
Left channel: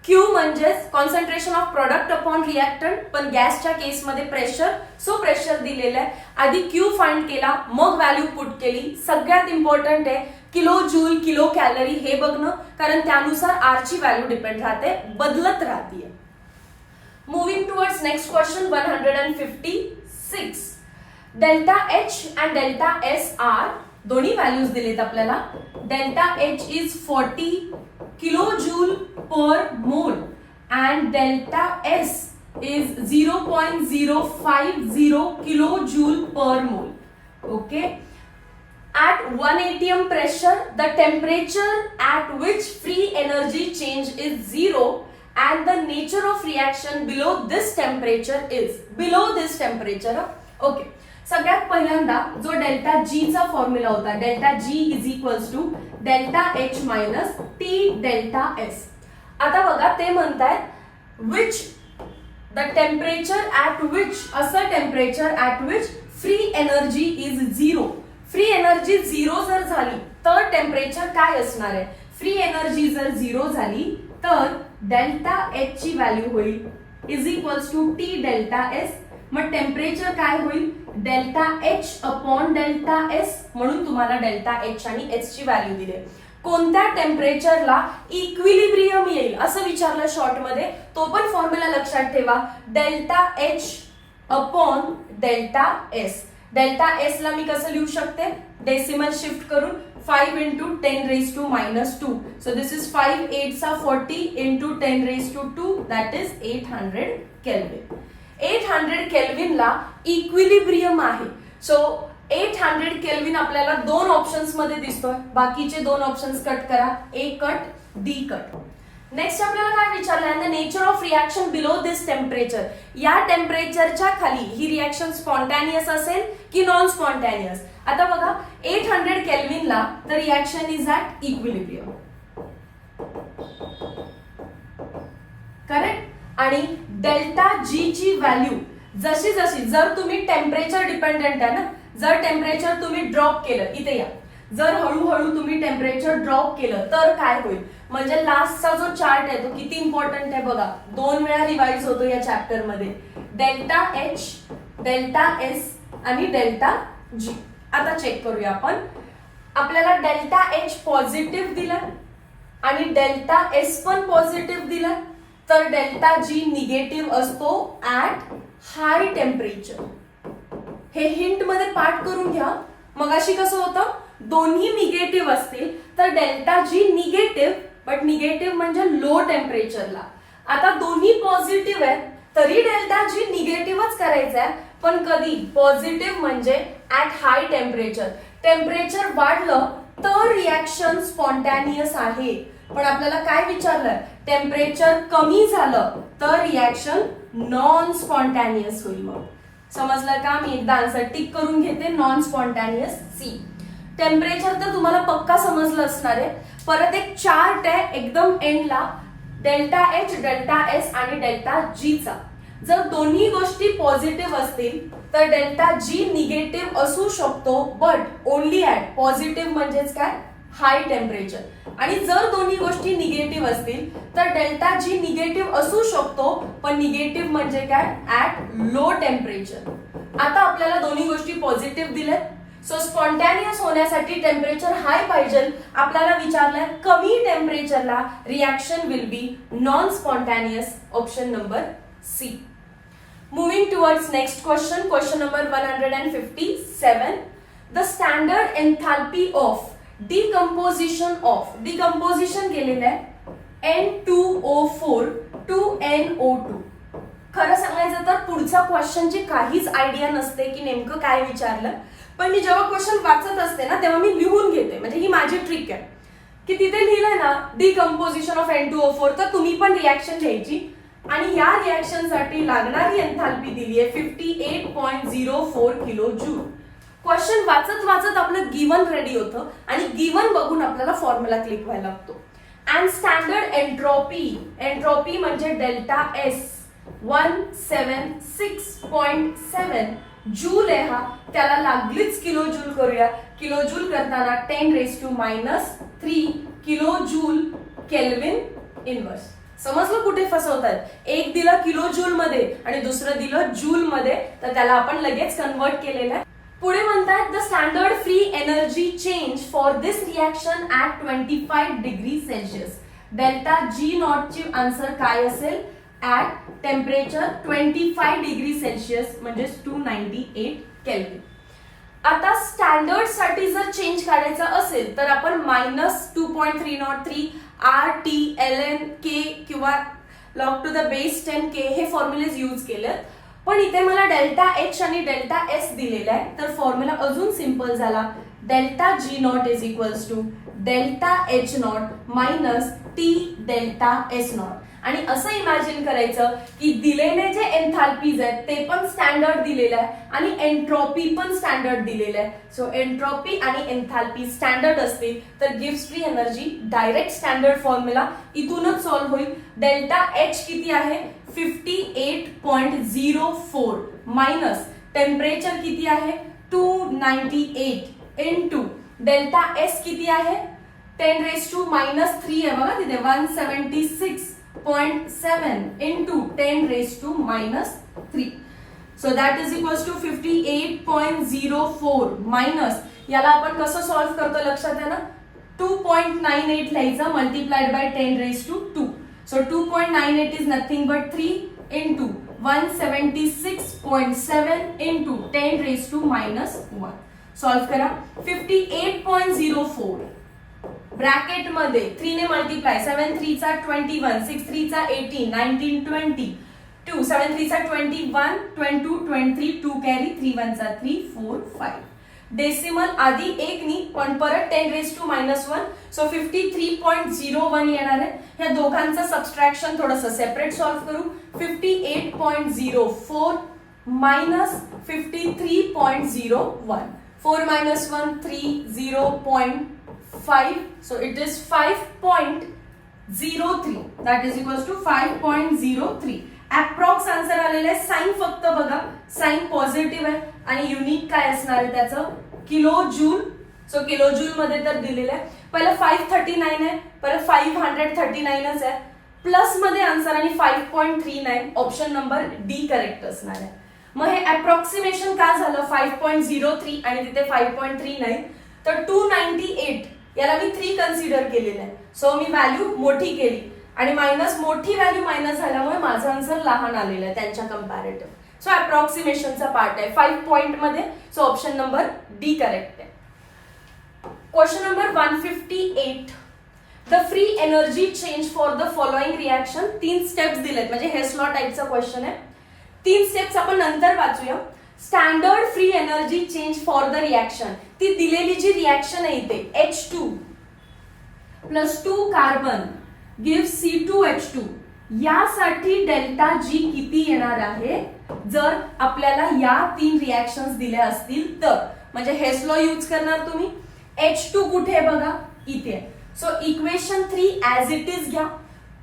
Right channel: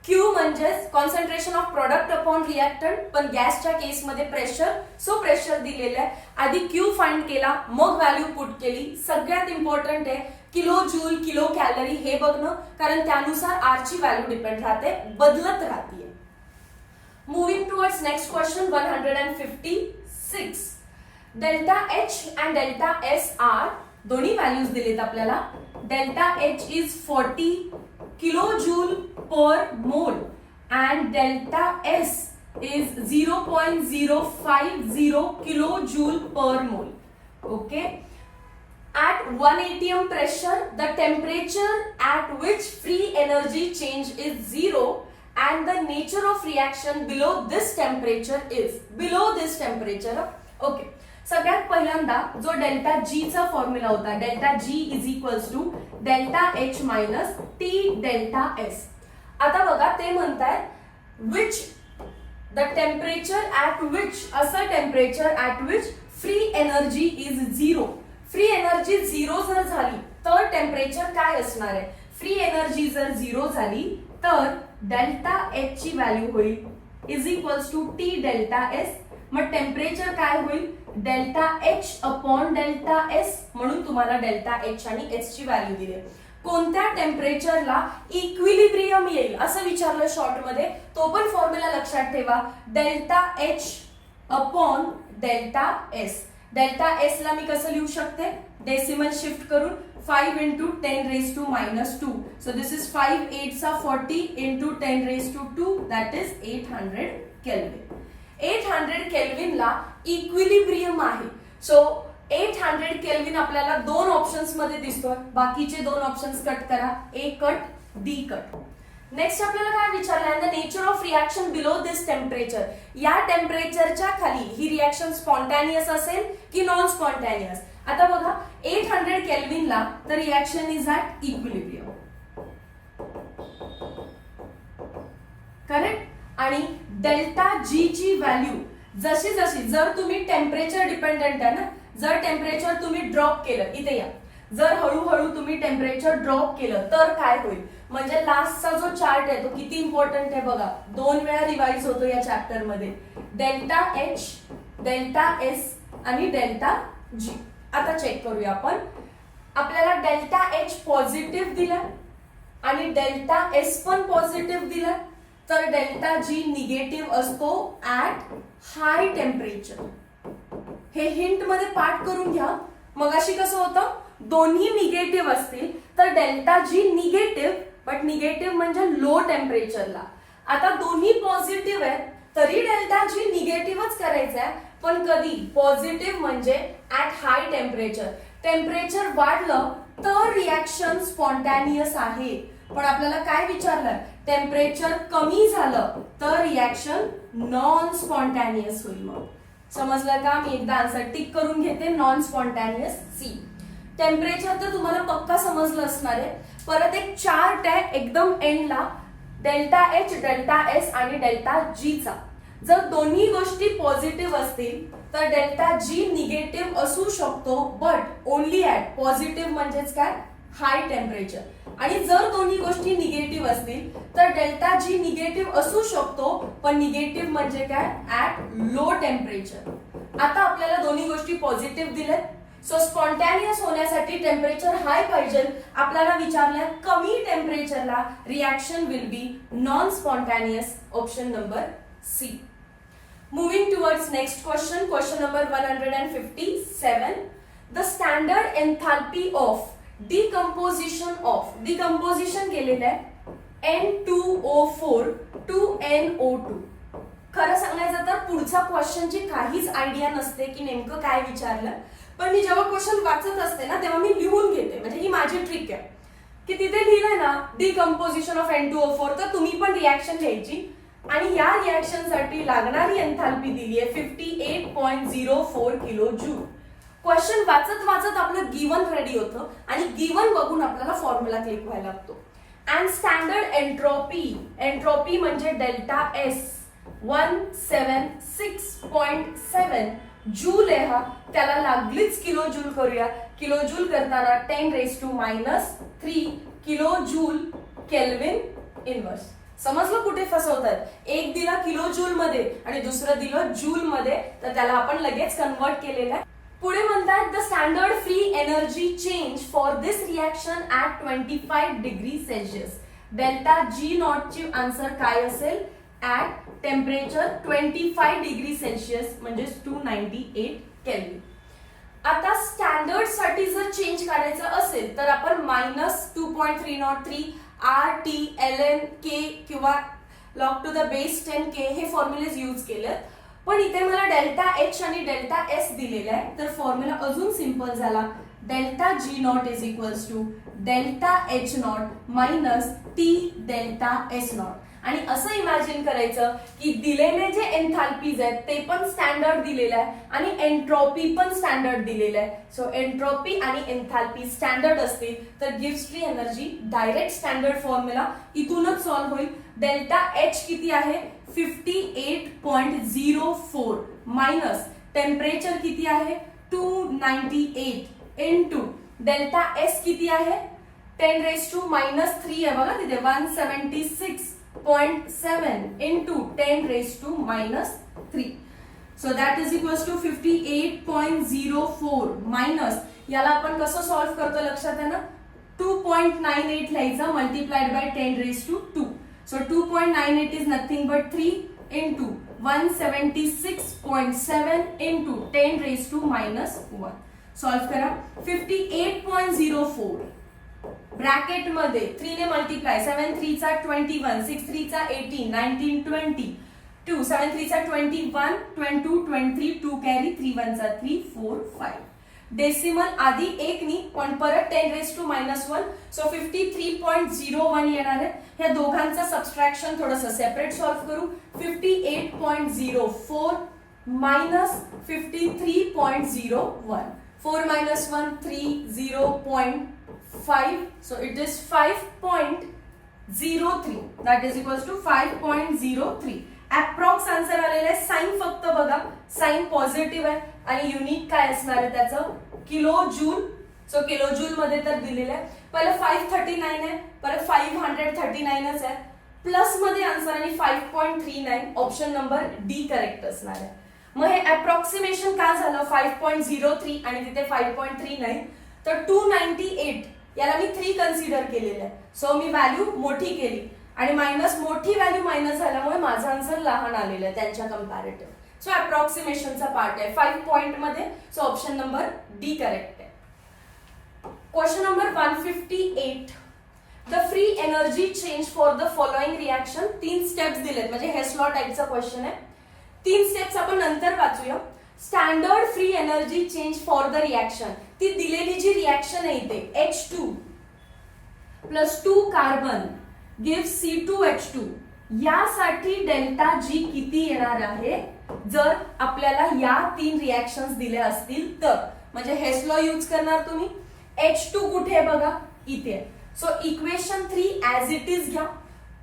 क्यू म्हणजेच concentration of product upon reactant, पण गॅसच्या केसमध्ये प्रेशर, सो प्रेशर दिलेलं आहे. आधी क्यू फाइंड केला मग व्हॅल्यू पुट केली. सगळ्यात इम्पॉर्टंट आहे किलो जूल किलो कॅलरी हे बघणं, कारण त्यानुसार आर ची व्हॅल्यू डिपेंड राहते, बदलत राहते. Moving towards next question 156. Delta H and delta S are दोन्ही व्हॅल्यूज दिलेत आपल्याला. Delta H is 40 kilo joule per mole and delta S is 0.050 kilojoule per mole. Okay. At 1 atm pressure, the temperature at which free energy change is 0 and the nature of reaction below this temperature is. Below this temperature. Okay. सगळ्यात पहिल्यांदा जो डेल्टा जी चा फॉर्म्युला होता, delta G is equals to delta H minus T delta S. आता बघा ते म्हणतायत which the temperature at which, असं temperature at which free energy is 0. Free energy 0 जर झाली तर टेम्परेचर काय असणार आहे, फ्री एनर्जी जर 0 झाली तर डेल्टा एच ची व्हॅल्यू होईल is equals to T delta S. मग टेम्परेचर काय होईल delta H upon delta S, म्हणून तुम्हाला डेल्टा एच आणि एस ची व्हॅल्यू दिली. कोणत्या टेम्परेचरला इक्विलिब्रियम येईल असं विचारलं शॉर्ट मध्ये, तो पण फॉर्म्युला लक्षात ठेवा. Delta H upon delta S. Delta S ला मी कसं लिहू शकते, डेसिमल शिफ्ट करून 5 into 10 raised to minus 2. So this is 5 8s are 40 into 10 raised to 2, that is 800 Kelvin. 800 kelvin ला इक्विलिब्रियम आहे. सो 800 केल्विन आपल्याला दोन ऑप्शन्स मध्ये दिसतोय, बाकीचे दोन ऑप्शन्स कट करा, A cut D cut. Next आपल्याला काय विचारलंय, the nature of reaction below this temperature. या टेम्परेचरच्या खाली ही रिएक्शन स्पॉन्टॅनियस असेल की नॉन स्पॉन्टॅनियस. आता बघा 800 केल्विन ला the reaction is at equilibrium, correct. आणि डेल्टा जी ची व्हॅल्यू जशी जशी, जर तुम्ही टेम्परेचर डिपेंडेंट आहे ना, जर टेम्परेचर तुम्ही ड्रॉप केलं, इथे या, जर हळूहळू तुम्ही टेम्परेचर ड्रॉप केलं तर काय होईल, म्हणजे लास्टचा जो चार्ट आहे तो किती इम्पॉर्टंट आहे बघा, 2 वेळा रिवाइज होतो या चॅप्टर मध्ये. डेल्टा एच, डेल्टा एस आणि डेल्टा जी. आता चेक करूया आपण. आपल्याला डेल्टा एच पॉझिटिव्ह दिला आणि डेल्टा एस पण पॉझिटिव्ह दिला, तर डेल्टा जी निगेटिव्ह असतो ऍट हाय टेम्परेचर. हे हिंट मध्ये पाठ करून घ्या. मगाशी कसं होतं, दोन्ही निगेटिव्ह असतील तर delta G negative, but negative म्हणजे लो टेम्परेचरला. आता दोन्ही पॉझिटिव्ह आहेत तरी डेल्टा जी निगेटिव्हच करायचं आहे, पण कधी? पॉझिटिव्ह म्हणजे ऍट हाय टेम्परेचर. टेम्परेचर वाढलं तर रिॲक्शन स्पॉन्टॅनियस आहे, पण आपल्याला काय विचारलंय? टेम्परेचर कमी झालं तर रिॲक्शन नॉन स्पॉन्टॅनियस होईल. मग समजलं का? मी एकदा आन्सर टिक करून घेते. Non spontaneous C. टेम्परेचर तर तुम्हाला पक्का समजलं असणार आहे. परत एक चार्ट आहे एकदम एंडला, डेल्टा एच, डेल्टा एस आणि डेल्टा जी चा. जर दोन्ही गोष्टी पॉझिटिव्ह असतील तर डेल्टा जी निगेटिव्ह असू शकतो, बट ओनली ऍट पॉझिटिव्ह म्हणजेच काय? High temperature. आणि जर दोन्ही गोष्टी निगेटिव्ह असतील तर डेल्टा जी निगेटिव्ह असू शकतो, पण निगेटिव्ह म्हणजे काय? At low temperature. आता आपल्याला दोन्ही गोष्टी पॉझिटिव्ह दिल्यात, सो स्पॉन्टॅनियस होण्यासाठी टेम्परेचर हाय पाहिजे. आपल्याला विचारलंय कमी टेम्परेचरला reaction will be non spontaneous. Option number C. Moving towards next question, question number 157. The standard enthalpy of decomposition केलेलं आहे N2O4 to NO2. खरं सांगायचं तर पुढच्या क्वेश्चनची काहीच आयडिया नसते की नेमकं काय विचारलं, पण मी जेव्हा क्वेश्चन वाचत असते ना तेव्हा मी लिहून घेते. म्हणजे ही माझी ट्रिक आहे की तिथे लिहिलंय ना डिकम्पोजिशन ऑफ N2O4, तर तुम्ही पण रिॲक्शन घ्यायची आणि या रिॲक्शन साठी लागणारी एन्थाल्पी दिली आहे 58.04 किलो जूल. क्वेश्चन वाचत वाचत आपलं गिवन रेडी होतं आणि गिवन बघून आपल्याला फॉर्म्युला क्लिक व्हायला लागतो. अँड स्टँडर्ड एंट्रोपी म्हणजे डेल्टा एस 176.7 जूल आहे हा. त्याला लागलीच किलो जूल करूया. किलो जूल करताना 10⁻³ किलो जूल केल्विन इनवर्स. समजलं कुठे फसवतात? एक दिला किलो जूल मध्ये आणि दुसरं दिलं जूल मध्ये, तर त्याला आपण लगेच कन्वर्ट केलेलं आहे. पुढे म्हणतात the standard free energy change for this reaction at 25 degree celsius. Delta G not ची आन्सर काय असेल? ऍट टेम्परेचर 25 डिग्री सेल्सिअस म्हणजे 298 केल्विन. आता स्टँडर्ड साठी जर चेंज काढायचं असेल तर आपण -2.303 RT/ln K किंवा log to the base 10K हे फॉर्म्युलेज यूज केलेत. पण इथे मला डेल्टा एच आणि डेल्टा एस दिलेला आहे, तर फॉर्म्युला अजून सिंपल झाला. Delta G not is equals to delta H not minus T delta S not. आणि असं इमॅजिन करायचं की दिलेले जे एन्थाल्पीज आहेत ते पण स्टँडर्ड दिलेलं आहे आणि एंट्रोपी पण स्टँडर्ड दिलेलं आहे. सो एंट्रोपी आणि एन्थाल्पी स्टँडर्ड असतील तर gives free energy. Direct standard formula इथूनच सॉल्व्ह होईल. डेल्टा एच किती आहे? 58.04 मायनस टेम्परेचर किती आहे? 298 इंटू डेल्टा एस किती आहे? 10⁻³ आहे बघा तिथे 176.7 into 10⁻³ so that is equals to 58.04 minus याला आपण कसं सॉल्व्ह करतो लक्षात आहे ना? 2.98 लिहायचं multiplied by 10⁻². so 2.98 is nothing but 3 into 176.7 into 10⁻⁻1. Solve करा. 58.04 ब्रॅकेट मध्ये 3 ने मल्टिप्लाय 7 3 चा 21 6 3 चा 18 19 20 2 7 3 चा 21 22 23 2 कॅरी 3 1 चा 3 4 5. डेसिमल आधी एक नी पण परत 10⁻⁻1 सो 53.01 येणार आहे. ह्या दोघांचं सबट्रॅक्शन थोडंसं सेपरेट सॉल्व्ह करू. 58.04 minus 53.01 4 minus 1 3 0.5 so it is 5.03 that is equals to 5.03. Approx answer आलेलं आहे. साइन फक्त बघा, साइन पॉझिटिव्ह आहे आणि युनिट काय असणार आहे त्याचं? Kilo joule. So kilo joule मध्ये तर दिलेलं आहे. पहिलं 539 आहे, परत 539च आहे, प्लस मध्ये आन्सर आणि 5.39. ऑप्शन नंबर डी करेक्ट असणार आहे. मग हे अप्रॉक्सिमेशन का झालं? 5.03 आणि तिथे 5.39 तर 298 याला मी 3 कन्सिडर केलेलं आहे. सो मी व्हॅल्यू मोठी केली आणि मायनस मोठी व्हॅल्यू मायनस झाल्यामुळे माझं आन्सर लहान आलेलं आहे त्यांच्या कंपॅरेटिव्ह. सो अप्रॉक्सिमेशनचा पार्ट आहे 5 पॉइंट मध्ये. So option number D correct आहे. Question number 158. The free energy change for the following reaction. 3 steps दिलेत, म्हणजे हेस्लॉ टाइपचा क्वेश्चन आहे. 3 स्टेप्स आपण नंतर वाचूया. Standard free energy change for the reaction. ती दिलेली जी रिएक्शन आहे इथे H2 plus 2 carbon give C2H2, यासाठी डेल्टा जी किती येणार आहे जर आपल्याला या 3 रिएक्शन्स दिल्या असतील तर. म्हणजे हेस्लॉ यूज करणार तुम्ही. H2 कुठे आहे बघा, इथे. So equation 3 as it is घ्या.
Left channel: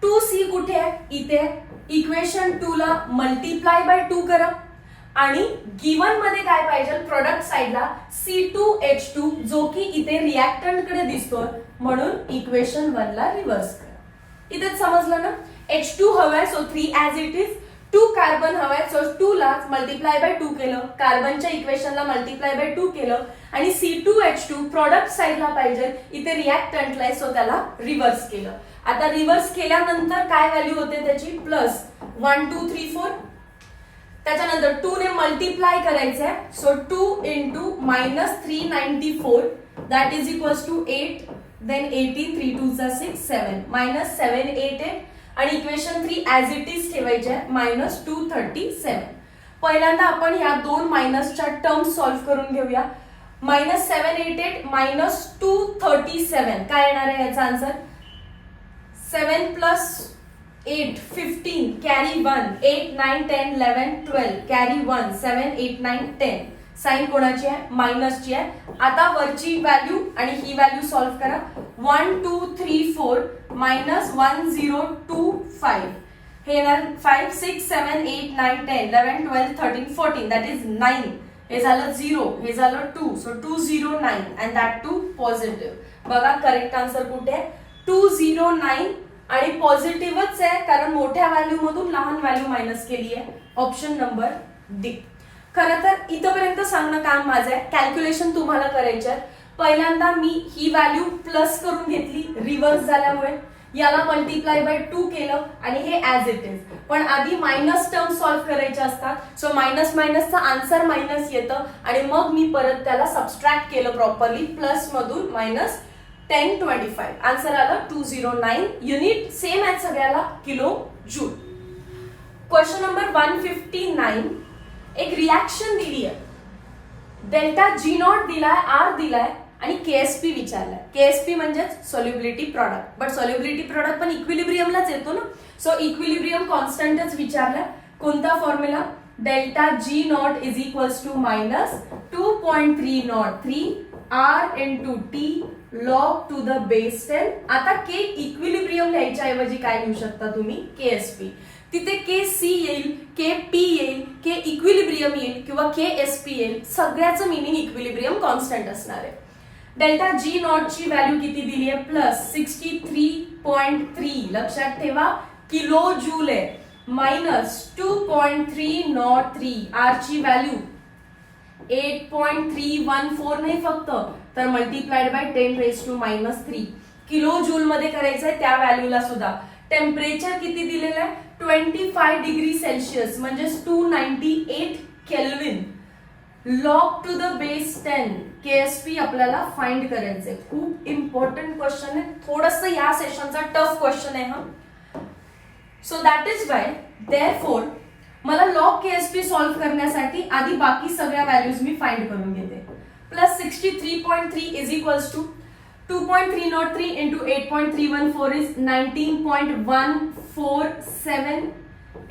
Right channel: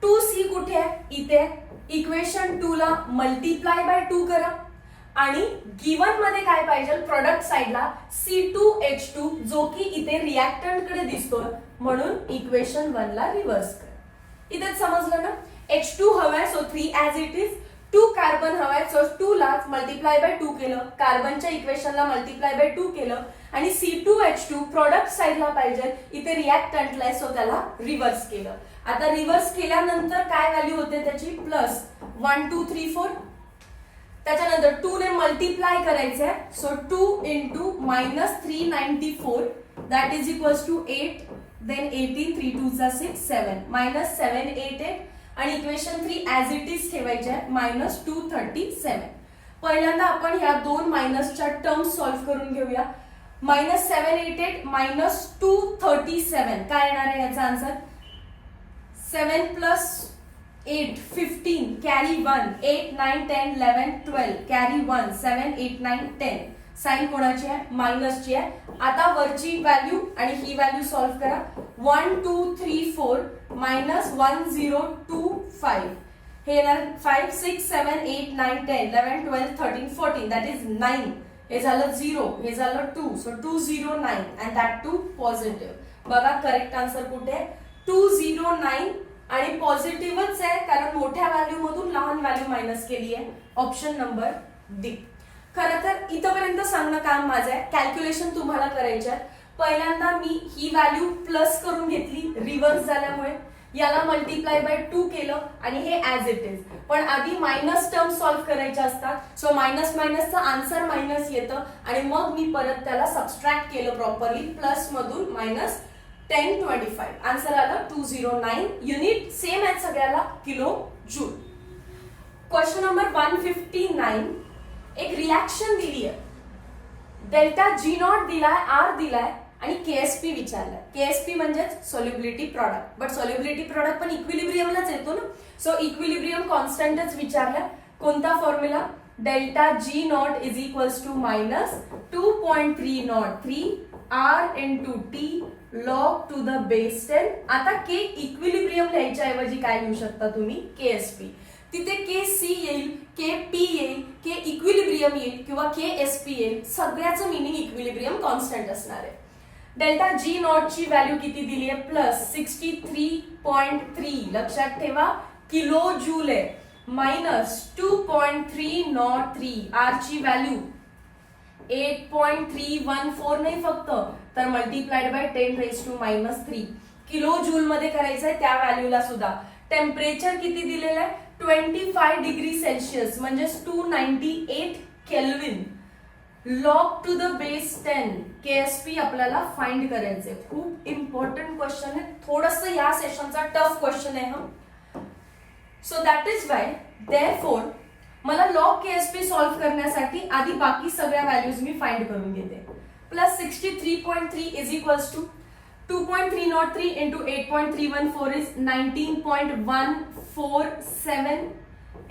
2C कुठे आहे, इथे. इक्वेशन 2 ला मल्टिप्लाय बाय 2 करा आणि गिवन मध्ये काय पाहिजे, प्रोडक्ट साइडला C2H2 जो की इथे रिएक्टंट कडे दिसतोय, म्हणून इक्वेशन 1 ला रिव्हर्स करा. इथेच समजलं ना. H2 हवाय, so 3 as it is. 2 carbon हवाय, सो 2 ला मल्टिप्लाय बाय 2 केलं, कार्बनच्या इक्वेशनला मल्टिप्लाय बाय 2 केलं आणि C2H2 प्रोडक्ट साइडला पाहिजे, इथे रिएक्टंटला आहे, सो त्याला रिव्हर्स केलं. आता रिव्हर्स केल्यानंतर काय व्हॅल्यू होते त्याची, प्लस 1 2 3 4. त्याच्यानंतर 2 ने मल्टिप्लाय करायचंय, so 2 into -394 that is equals to 8, then 18, 3 2 चा 6 7 -788 आणि इक्वेशन 3 ऍज इट इज ठेवायचे आहे, -237. पहिल्यांदा आपण ह्या 2 मायनसच्या टर्म्स सॉल्व्ह करून घेऊया. -788 -237 काय येणार आहे याचा आन्सर, 7 + 8 15 कॅरी 1, 8 9 10 11 12 कॅरी 1, 7 8 9 10. साइन कोणाची आहे, मायनसची आहे. आता वरची व्हॅल्यू आणि ही व्हॅल्यू सॉल्व्ह करा. 1 2 3 4 -1 0 2 5 हे येणार 5 6 7 8 9 10 11 12 13 14 दॅट इज 9. हे झालं 0, हे झालं 2, so 209 and that too positive. बघा करेक्ट आन्सर कुठे आहे, 209 आणि पॉझिटिव्हच आहे कारण मोठ्या व्हॅल्यू मधून लहान व्हॅल्यू मायनस केली आहे. Option number D. खरं तर इथपर्यंत सांगणं काम माझं आहे, कॅल्क्युलेशन तुम्हाला करायचे आहे. पहिल्यांदा मी ही व्हॅल्यू प्लस करून घेतली रिव्हर्स झाल्यामुळे, याला मल्टिप्लाय बाय 2 केलं आणि हे ऍज इट इज. पण आधी मायनस टर्म सॉल्व्ह करायचे असतात, सो मायनस मायनसचं आन्सर मायनस येतं आणि मग मी परत त्याला सबस्ट्रॅक्ट केलं प्रॉपरली. प्लस मधून -10 25 आन्सर आलं 209. युनिट सेम आहे सगळ्याला, किलो जूल. Question number 159. एक रिएक्शन दिली आहे, डेल्टा G0 दिलाय, R दिलाय आणि KSP विचारलाय. KSP म्हणजेच solubility product, but solubility product पण इक्विलिब्रियमलाच येतो ना. सो इक्विलिब्रियम कॉन्स्टंटच विचारलाय. कोणता formula, delta G0 is equals to -2.303 R into T log to the base 10. आता K इक्विलिब्रियम लिहायच्या ऐवजी काय लिहू शकता तुम्ही, KSP. तिथे KC येईल, KP येईल, K इक्विलिब्रियम येईल किंवा KSP येईल. सगळ्याचं मिनिंग इक्विलिब्रियम कॉन्स्टंट असणार आहे. डेल्टा G0 ची व्हॅल्यू किती दिली आहे, +63.3. लक्षात ठेवा किलो जूल आहे. -2.303 R ची व्हॅल्यू 8.314 नाही फक्त, तर मल्टिप्लाइड बाय 10⁻³ किलो जूल मध्ये करायचंय त्या व्हॅल्यूला सुद्धा. टेम्परेचर किती दिलेलं आहे, 25 डिग्री सेल्सिअस म्हणजे 298 kelvin. Log to the base 10 KSP आपल्याला फाइंड करायचंय. खूप इम्पॉर्टंट क्वेश्चन आहे, थोडस या सेशनचा टफ क्वेश्चन आहे हा. So that is Y therefore मला लॉग KSP सॉल्व्ह करण्यासाठी आधी बाकी सगळ्या व्हॅल्यूज मी फाइंड करून घेते. +63.3 is equals to 2.303 into 8.314 is 19.147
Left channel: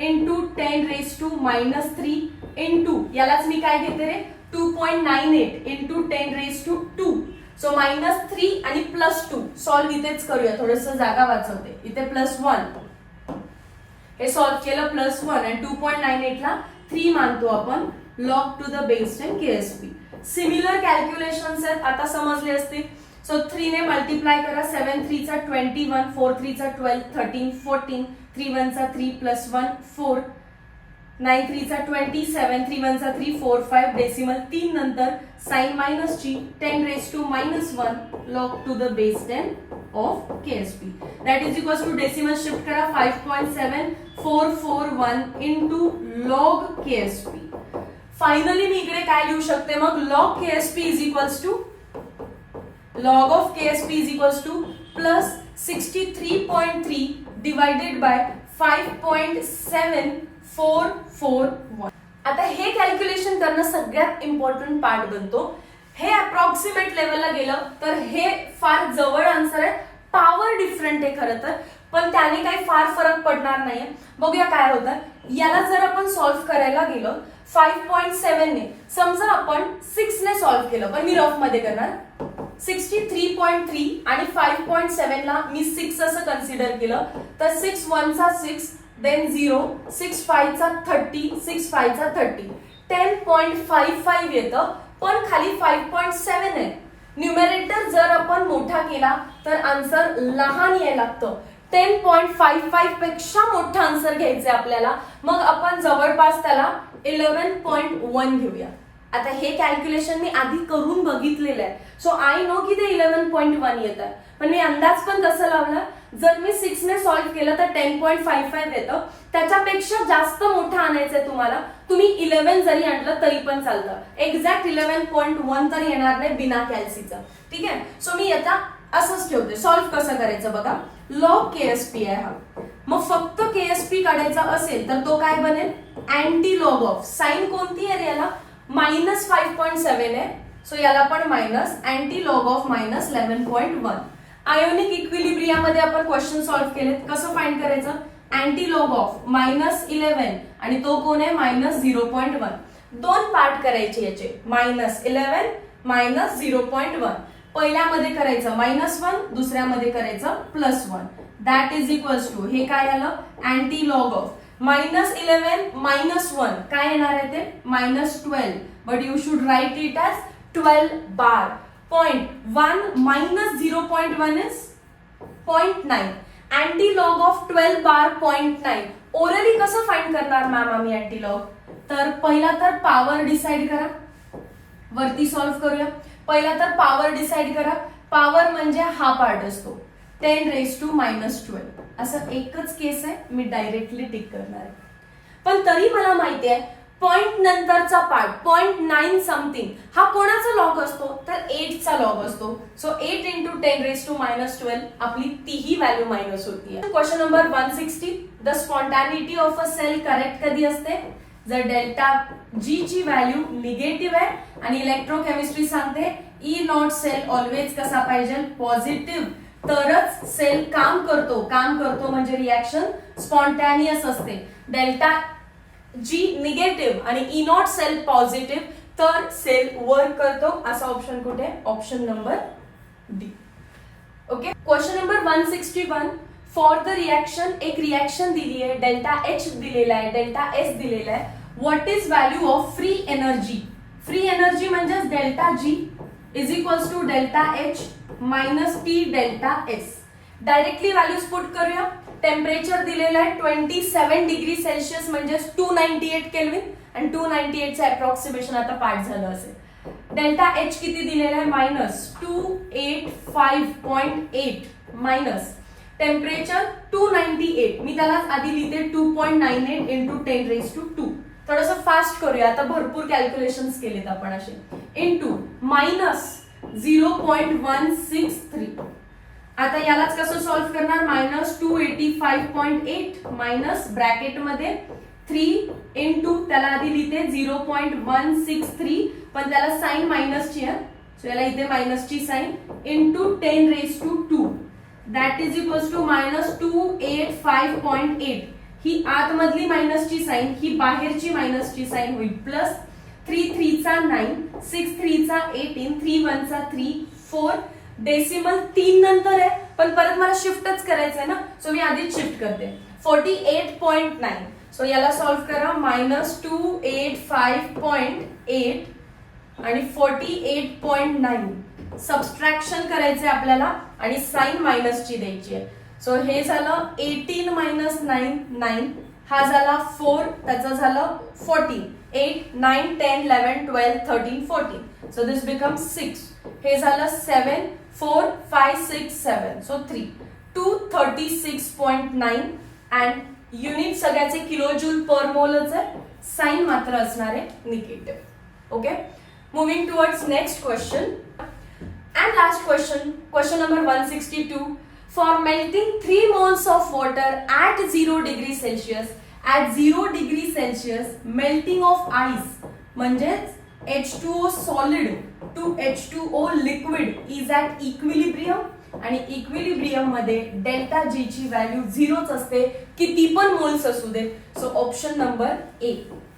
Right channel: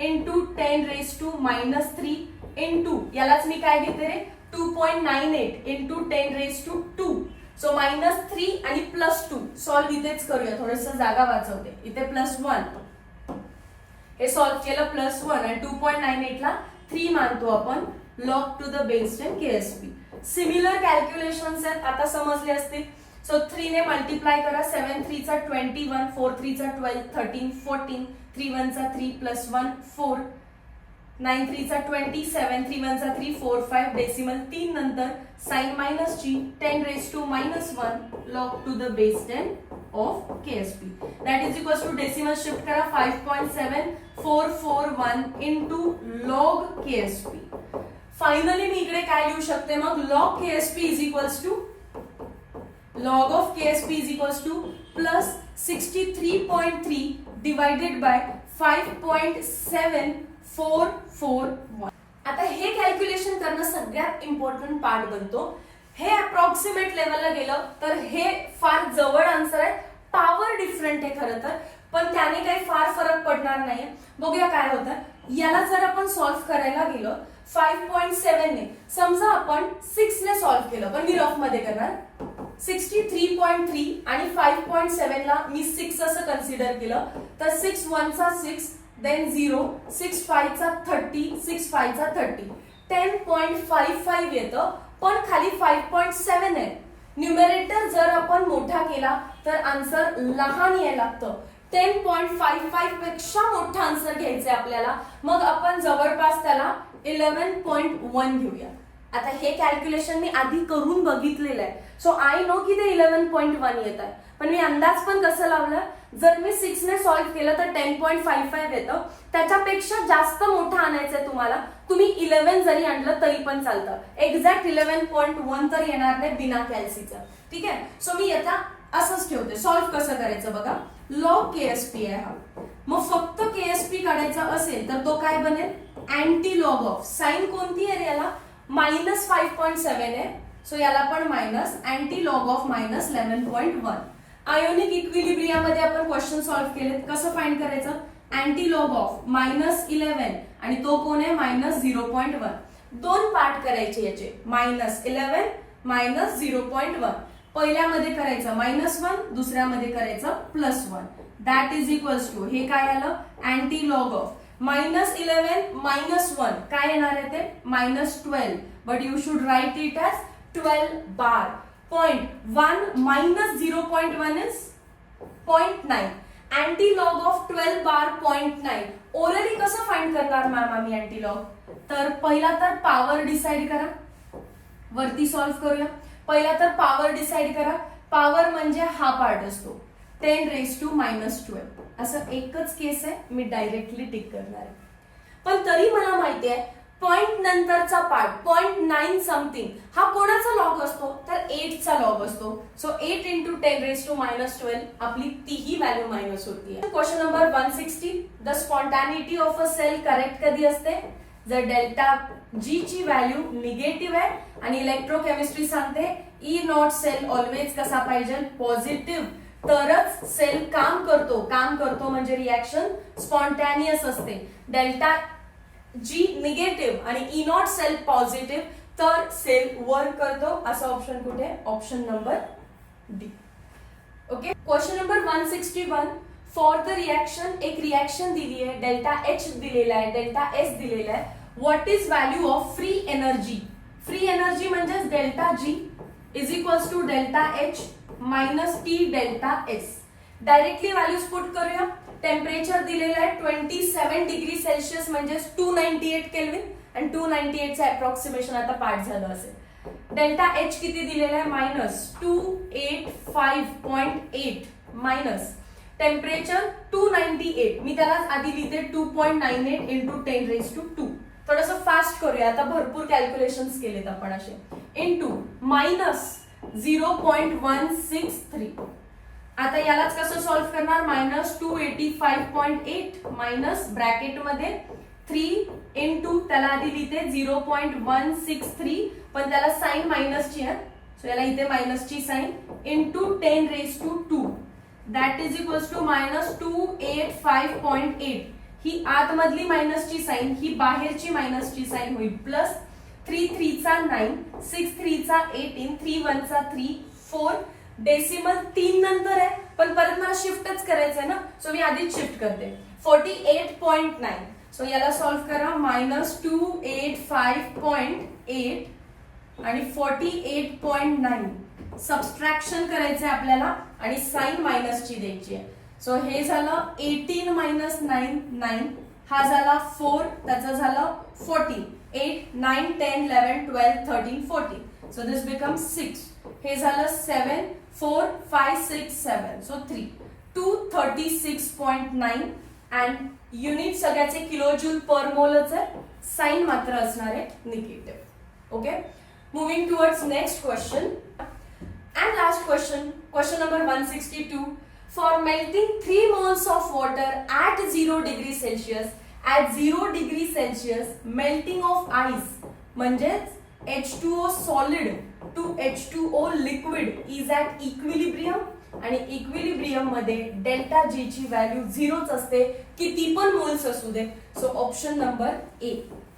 into 10⁻³ into यालाच मी काय घेते रे, 2.98 into 10⁻². सो -3 आणि +2 सॉल्व्ह इथेच करूया, थोडस जागा वाचवते. इथे +1 हे सॉल्व्ह केलं, +1 आणि 2.98 ला 3 मानतो आपण. log to the base 10 KSP. Similar calculations आहेत, आता समजले असतील. सो 3 ने मल्टिप्लाय करा, 7 3 चा 21, 4 3 चा 12, 13 14, 3 1 चा 3 + 1 4, 9 3 चा 27, 3 1 चा 3 4 5 डेसिमल 3 नंतर sign -G 10⁻⁻1 log to the base 10 of KSP. That is equals to decimal shift करा, 5.7441 इंटू log KSP. फायनली मी इकडे काय लिहू शकते मग, log KSP is equals to log of KSP is equals to plus 63.3 divided by 5.7441. आता हे कॅल्क्युलेशन करणं सगळ्यात इम्पॉर्टंट पार्ट बनतो. हे अप्रॉक्सिमेट लेवलला गेलं तर हे फार जवळ आन्सर आहे. पॉवर डिफरंट आहे खरं तर, पण त्याने काही फार फरक पडणार नाहीये. बघूया काय होतं. याला जर आपण सॉल्व्ह करायला गेलो 5.7 ने, समजा आपण 6 ने सॉल्व्ह केलं, पण मी रफ मध्ये करणार. 63.3 आणि 5.7 ला मी 6 असं कन्सिडर केलं तर 6 1 चा 6, देन 0, 6 5 चा 30, 6 5 चा 30, 10.55 येतं, पण खाली 5.7 आहे. न्यूमरेटर जर आपण मोठा केला तर आन्सर लहान यायला लागतं. 10.55 पेक्षा मोठा आन्सर घ्यायचा आपल्याला. मग आपण जवळपास त्याला 11.1 घेऊया. आता हे कॅल्क्युलेशन मी आधी करून बघितलेलं आहे, सो आय नो की ते 11.1 येत आहे. पण मी अंदाज पण कसं लावला, जर मी 6 ने सॉल्व्ह केलं तर 10.55 येतं. त्याच्यापेक्षा जास्त मोठा आणायचंय तुम्हाला. तुम्ही 11 जरी आणलं तरी पण चालतं. एक्झॅक्ट 11.1 तर येणार नाही बिना कॅल्सीचं. ठीक आहे. सो मी याचा असंच ठेवते. सॉल्व्ह कसं करायचं बघा. लॉग केएसपी आहे हा. मग फक्त केएसपी काढायचा असेल तर तो काय बनेल, अँटी लॉग ऑफ. साइन कोणती आहे याला, -5.7 आहे, सो याला पण minus, anti log of -11.1. Ionic इक्विलिब्रियामध्ये आपण क्वेश्चन सॉल्व्ह केलेत. कसं फाइंड करायचं, अँटी लॉग ऑफ -11 आणि तो कोण आहे -0.1. दोन पार्ट करायचे याचे, -11 -0.1. पहिल्यामध्ये करायचं -1, दुसऱ्यामध्ये करायचं +1. दॅट इज इक्वल्स टू, हे काय आलं, अँटी लॉग ऑफ -11 -1 काय येणार आहे ते -12, but you should write it as 12 bar. 0.1 -0.1 इज 0.9. Anti log of 12 bar 0.9. Orally कसं फाइंड करणार मॅम आम्ही अँटी लॉग, तर पहिला तर पॉवर डिसाइड करा. वरती सॉल्व्ह करूया. पहिला तर पॉवर डिसाइड करा. पॉवर म्हणजे हा पार्ट असतो 10⁻⁻12. असं एकच केस आहे, मी डायरेक्टली टिक करणार आहे. पण तरी मला माहिती आहे पॉइंट नंतरचा पार्ट 0.9 समथिंग हा कोणाचा लॉग असतो, तर 8 चा लॉग असतो. सो 8 × 10⁻⁻12 आपली तीही व्हॅल्यू मायनस होतीये. Question number 160. The spontaneity of a cell correct कधी असते, जर डेल्टा जी ची व्हॅल्यू निगेटिव्ह आहे आणि इलेक्ट्रोकेमिस्ट्री सांगते E0 सेल ऑलवेज कसा पाहिजे, पॉझिटिव्ह, तरच सेल काम करतो. काम करतो म्हणजे रिॲक्शन स्पॉन्टॅनियस असते. डेल्टा जी निगेटिव्ह आणि E0 सेल पॉझिटिव्ह तर सेल वर्क करतो. असा ऑप्शन कुठे, option number D. Okay. Question number 161. For the reaction, एक रिॲक्शन दिली आहे, डेल्टा एच दिलेला आहे, डेल्टा एस दिलेला आहे. What is value of free energy. Free energy म्हणजे delta G is equals to delta H minus T delta S. Directly values put करूया. टेम्परेचर दिलेलं आहे 27 डिग्री सेल्सिअस म्हणजे 298 केल्विन, आणि 298 चं अप्रॉक्सिमेशन आता पाठ झालं असेल. डेल्टा एच किती दिलेला आहे, -285.8 मायनस टेम्परेचर 298. मी त्याला आधी लिहिते 2.98 × 10⁻². थोडंसं फास्ट करूया, आता भरपूर कॅल्क्युलेशन्स केलेत आपण असे. इंटू -0.163. आता यालाच कसं सॉल्व्ह करणार, -285.8 मायनस ब्रॅकेट मध्ये 3 इंटू त्याला आधी लिहिते 0.163, पण त्याला साइन मायनसची आहे, सो याला इथे मायनसची sign, into 10⁻². That is equals to -285.8. ही आतमधली मायनसची साइन, ही बाहेरची मायनसची साइन होईल, प्लस 3 3 चा 9, 6 3 चा 18, 3 1 चा 3, 4 डेसिमल 3 नंतर आहे, पण परत मला शिफ्टच करायचंय ना, सो मी आधीच शिफ्ट करते. 48.9. सो याला सॉल्व्ह करा. -285.8 आणि 48.9 सबस्ट्रॅक्शन करायचे आपल्याला आणि साइन मायनसची द्यायची आहे. सो हे झालं 18 - 9 9, हा झाला 4, त्याचा झालं 14, 8 9 10 11 12 13 14. So this becomes 6. हे झालं 7 4 5 6 7, सो 3 236.9 अँड युनिट सगळ्याचे किलोजूल पर मोलच आहे. साइन मात्र असणार आहे negative. Okay. Moving towards next question. And last last question number 162. For melting 3 moles of water at 0 degrees Celsius, at 0 degrees Celsius, melting of ice म्हणजेच H2O solid to H2O liquid is at equilibrium. आणि इक्विलिब्रियम मध्ये डेल्टा जी ची व्हॅल्यू 0च असते, किती पण मोल्स असू दे. सो ऑप्शन नंबर ए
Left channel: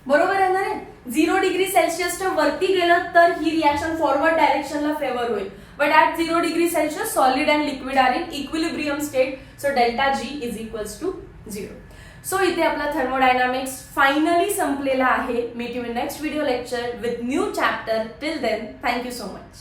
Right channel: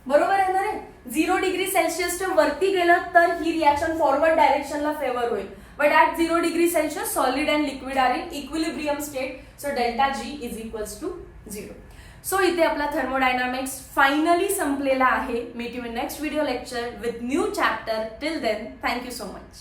बरोबर आहे ना रे. 0 डिग्री सेल्सिअसच्या वरती गेलं तर ही रिएक्शन फॉरवर्ड डायरेक्शनला फेवर होईल. But at 0 degree celsius solid and liquid are in equilibrium state. So delta G is equals to 0. So इथे आपला थर्मोडायनामिक्स फायनली संपलेला आहे. Meet you in next video lecture with new chapter. Till then, thank you so much.